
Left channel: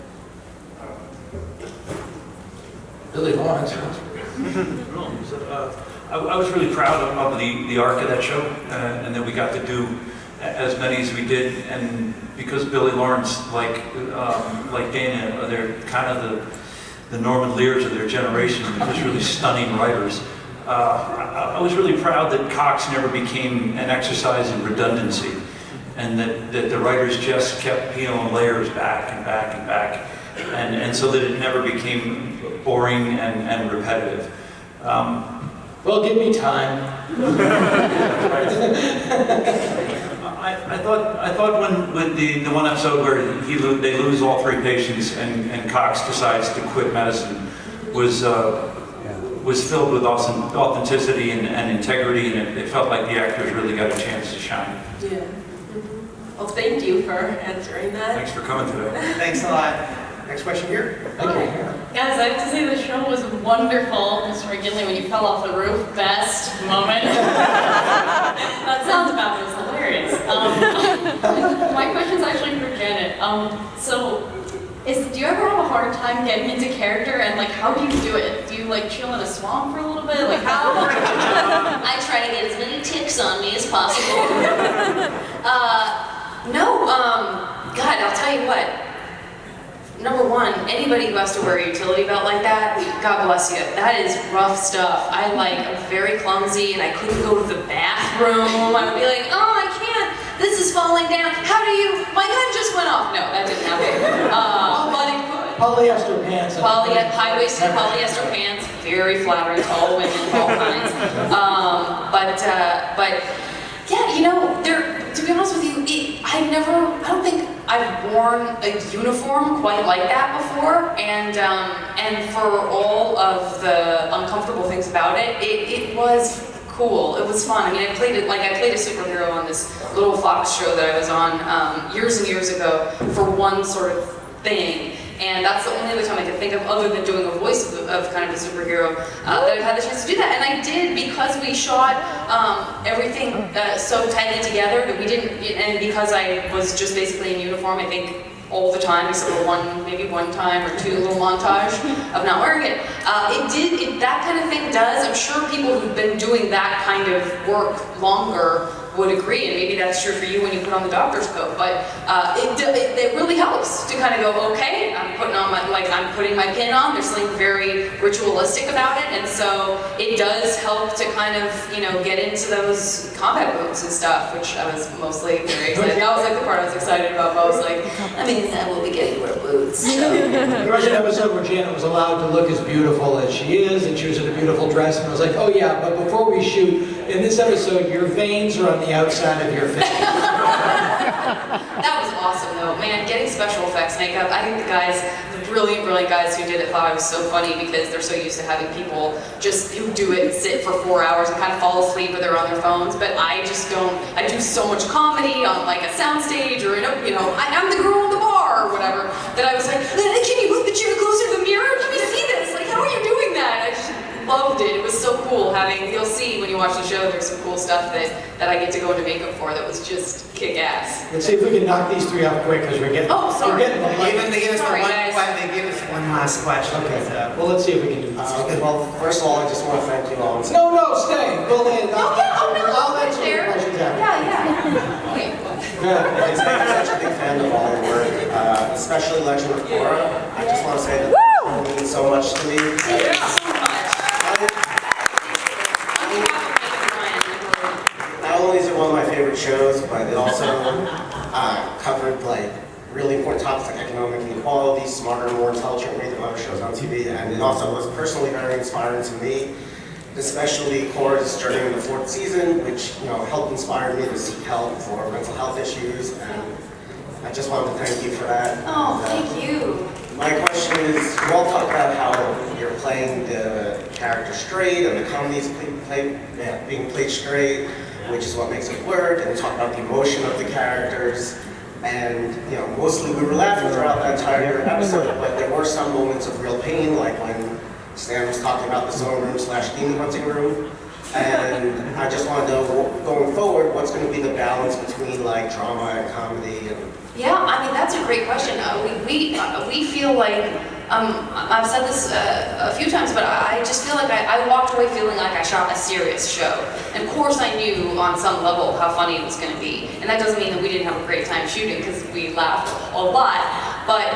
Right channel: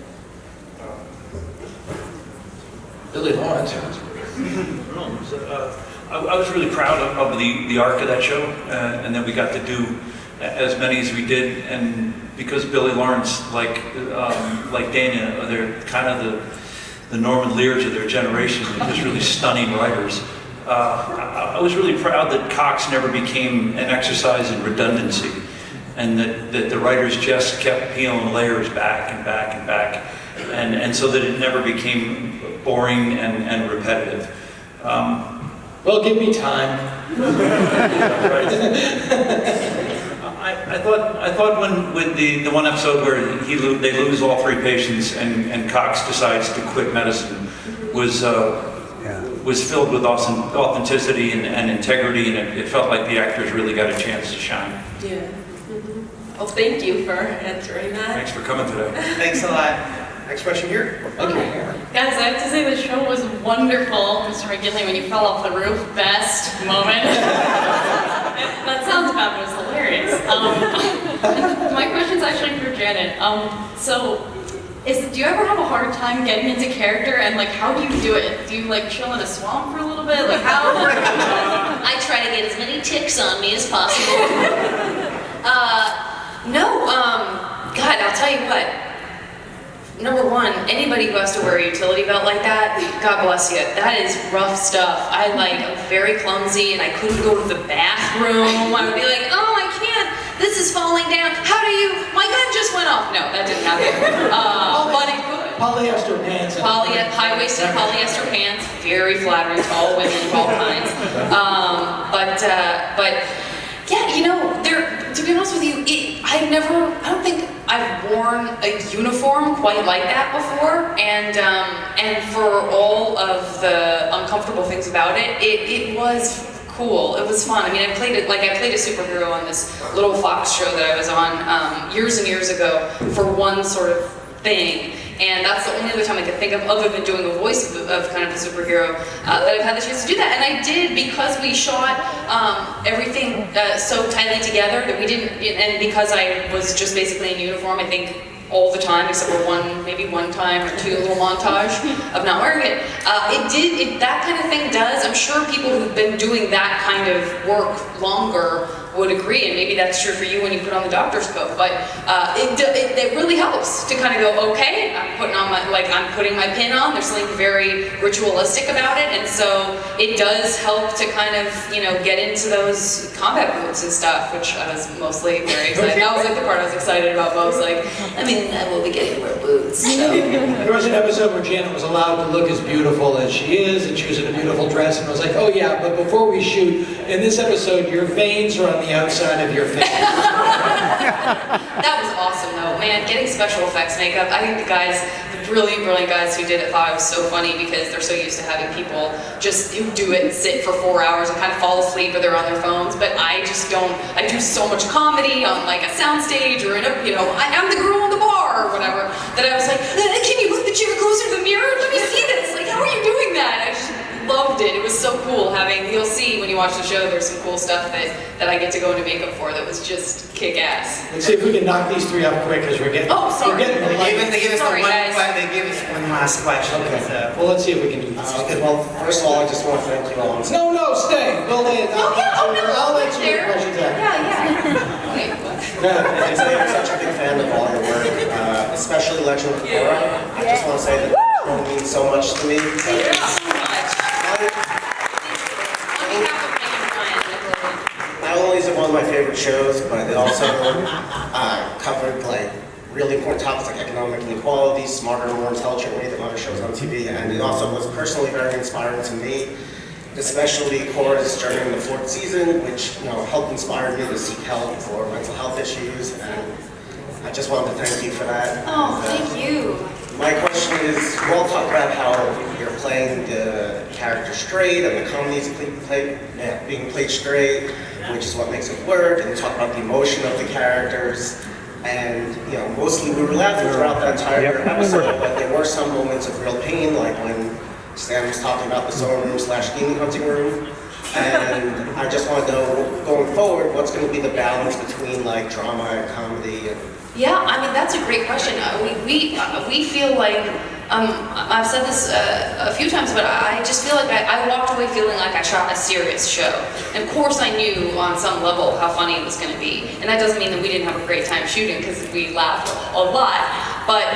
Billy Lawrence, huh? I was really proud of the arc of that show, and that we got to do as many as we did. And because Billy Lawrence, like Dana, they're kind of the Norman Lears of their generation. They're just really stunning writers. I was really proud that Cox never became an exercise in redundancy, and that the writers just kept peeling layers back and back and back, and so that it never became boring and repetitive. Well, give me time. I thought when with the one episode where they lose all 3 patients and Cox decides to quit medicine was filled with authenticity and integrity, and it felt like the actors really got a chance to shine. Yeah. Well, thank you for answering that. Thanks for coming today. Thanks a lot. Next question here. Okay. Guys, I have to say the show was wonderful. Mr. McGinley, when you fell off the roof, best moment. That sounds bad, but it was hilarious. My question's actually for Janet. Do you ever have a hard time getting into character, and like, how do you do it? Do you like chill in a swamp for a little bit? Like how? I try to get as many ticks on me as possible. God, I'll tell you what. Number one, anybody who has to wear a utility belt like that, God bless you. That is rough stuff. I'm very clumsy and I couldn't go to the bathroom. I would be like, oh, I can't. This is falling down. How do you? My gun just went off. No, that didn't happen. But it could. Polyester pants. High-waisted polyester pants, very flattering to all women of all kinds. But yeah, to be honest with you, I don't think I've worn a uniform quite like that before, and for all of the uncomfortable things about it, it was cool. It was fun. I mean, I played a superhero on this little Fox show that I was on years and years ago for one sort of thing. And that's the only other time I could think of, other than doing a voice of kind of a superhero, that I've had the chance to do that. And I did, because we shot everything so tightly together that we didn't, and because I was just basically in uniform, I think all the time, except for maybe one time or two, a little montage of not wearing it. That kind of thing does, I'm sure people who've been doing that kind of work longer would agree, and maybe that's true for you when you put on the doctor's coat, but it really helps to kind of go, okay, I'm putting my pin on, there's something very ritualistic about it, and so it does help to kind of, get into those combat boots and stuff, which I was mostly very excited. That was the part I was excited about, but I was like, I will be getting to wear boots, so. There was an episode where Janet was allowed to look as beautiful as she is, and she was in a beautiful dress, and I was like, oh yeah, but before we shoot, in this episode, your veins are on the outside of your face. That was awesome though, man, getting special effects makeup. I think the brilliant guys who did it thought it was so funny because they're so used to having people just who do it and sit for 4 hours and kind of fall asleep or they're on their phones, but I just don't. I do so much comedy on like a soundstage or in a, I'm the girl in the bar or whatever, that I was like, can you put the chair closer to the mirror? Let me see this. Like, how are you doing that? I just loved it. It was so cool you'll see when you watch the show, there's some cool stuff that I get to go into makeup for that was just kick-ass. Let's see if we can knock these 3 out quick because we're getting. Oh, sorry. They gave us one last question. Okay. Well, let's see if we can do this. Well, first of all, I just want to thank you all. No, stay. I'll answer your questions after. Yeah. Wait, what? I'm such a big fan of all your work, especially Legend of Korra. I just want to say that it means so much to me. Thank you so much. Not only is it one of my favorite shows, but it also covered really important topics like economic inequality, smarter, more intelligent than anything other shows on TV, and it also was personally very inspiring to me, especially Korra's journey in the 4th season, which helped inspire me to seek help for mental health issues, and I just wanted to thank you for that. Oh, thank you. My question is, you all talk about how you're playing the character straight and the comedy is being played straight, which is what makes it work, and you talk about the emotion of the characters, and mostly we were laughing throughout that entire episode, but there were some moments of real pain, like when Stan was talking about the sewing room / demon hunting room. And I just want to know, going forward, what's going to be the balance between like drama and comedy? Yeah, I mean, that's a great question. We feel like, I've said this a few times, but I just feel like I walked away feeling like I shot a serious show. And of course I knew on some level how funny it was going to be. And that doesn't mean that we didn't have a great time shooting, because we laughed a lot. But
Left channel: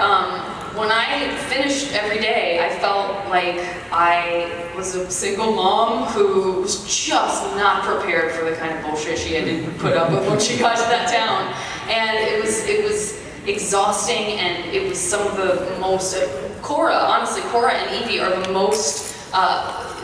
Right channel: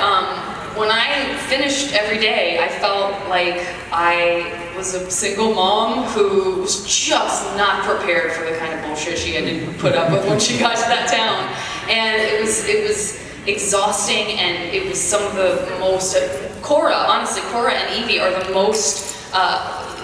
when I finished every day, I felt like I was a single mom who was just not prepared for the kind of bullshit she had to put up with when she got to that town. And it was exhausting, and it was some of the most, Cora and Evie are the most,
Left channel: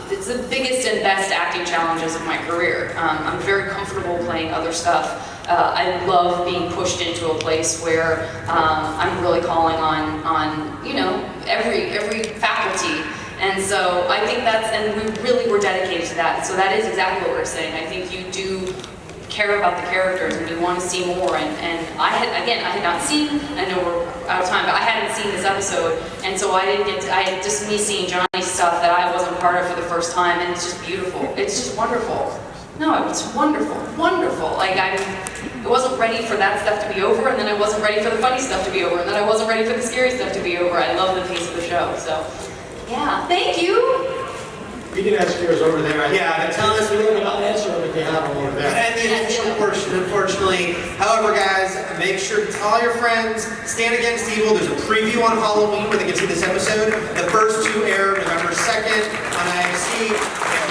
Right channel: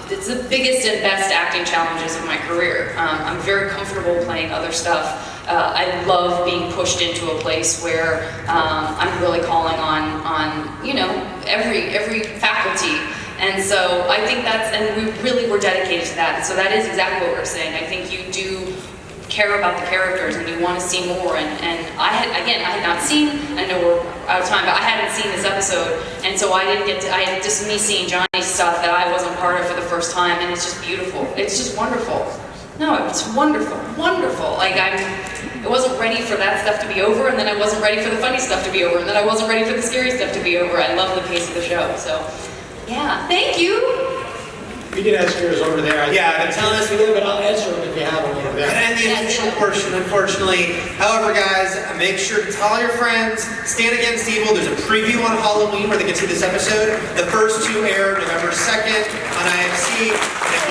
it's the biggest and best acting challenges of my career. I'm very comfortable playing other stuff. I love being pushed into a place where I'm really calling on you know, every faculty. And so I think and we really were dedicated to that. And so that is exactly what we're saying. I think you do care about the characters and you want to see more. And I had not seen, I know we're out of time, but I hadn't seen this episode. And so I had just me seeing Johnny's stuff that I wasn't part of for the first time. And it's just beautiful. It's just wonderful. No, it's wonderful, wonderful. Like I wasn't ready for that stuff to be over, and then I wasn't ready for the funny stuff to be over, and then I wasn't ready for the scary stuff to be over. I love the pace of the show, so yeah, thank you. We can ask yours over there. Yeah, tell us a little bit. I'll answer them if you have them over there. And the official portion, unfortunately. However, guys, make sure to tell your friends, Stand Against Evil. There's a preview on Halloween where they can see this episode. The first two air November 2nd on IFC.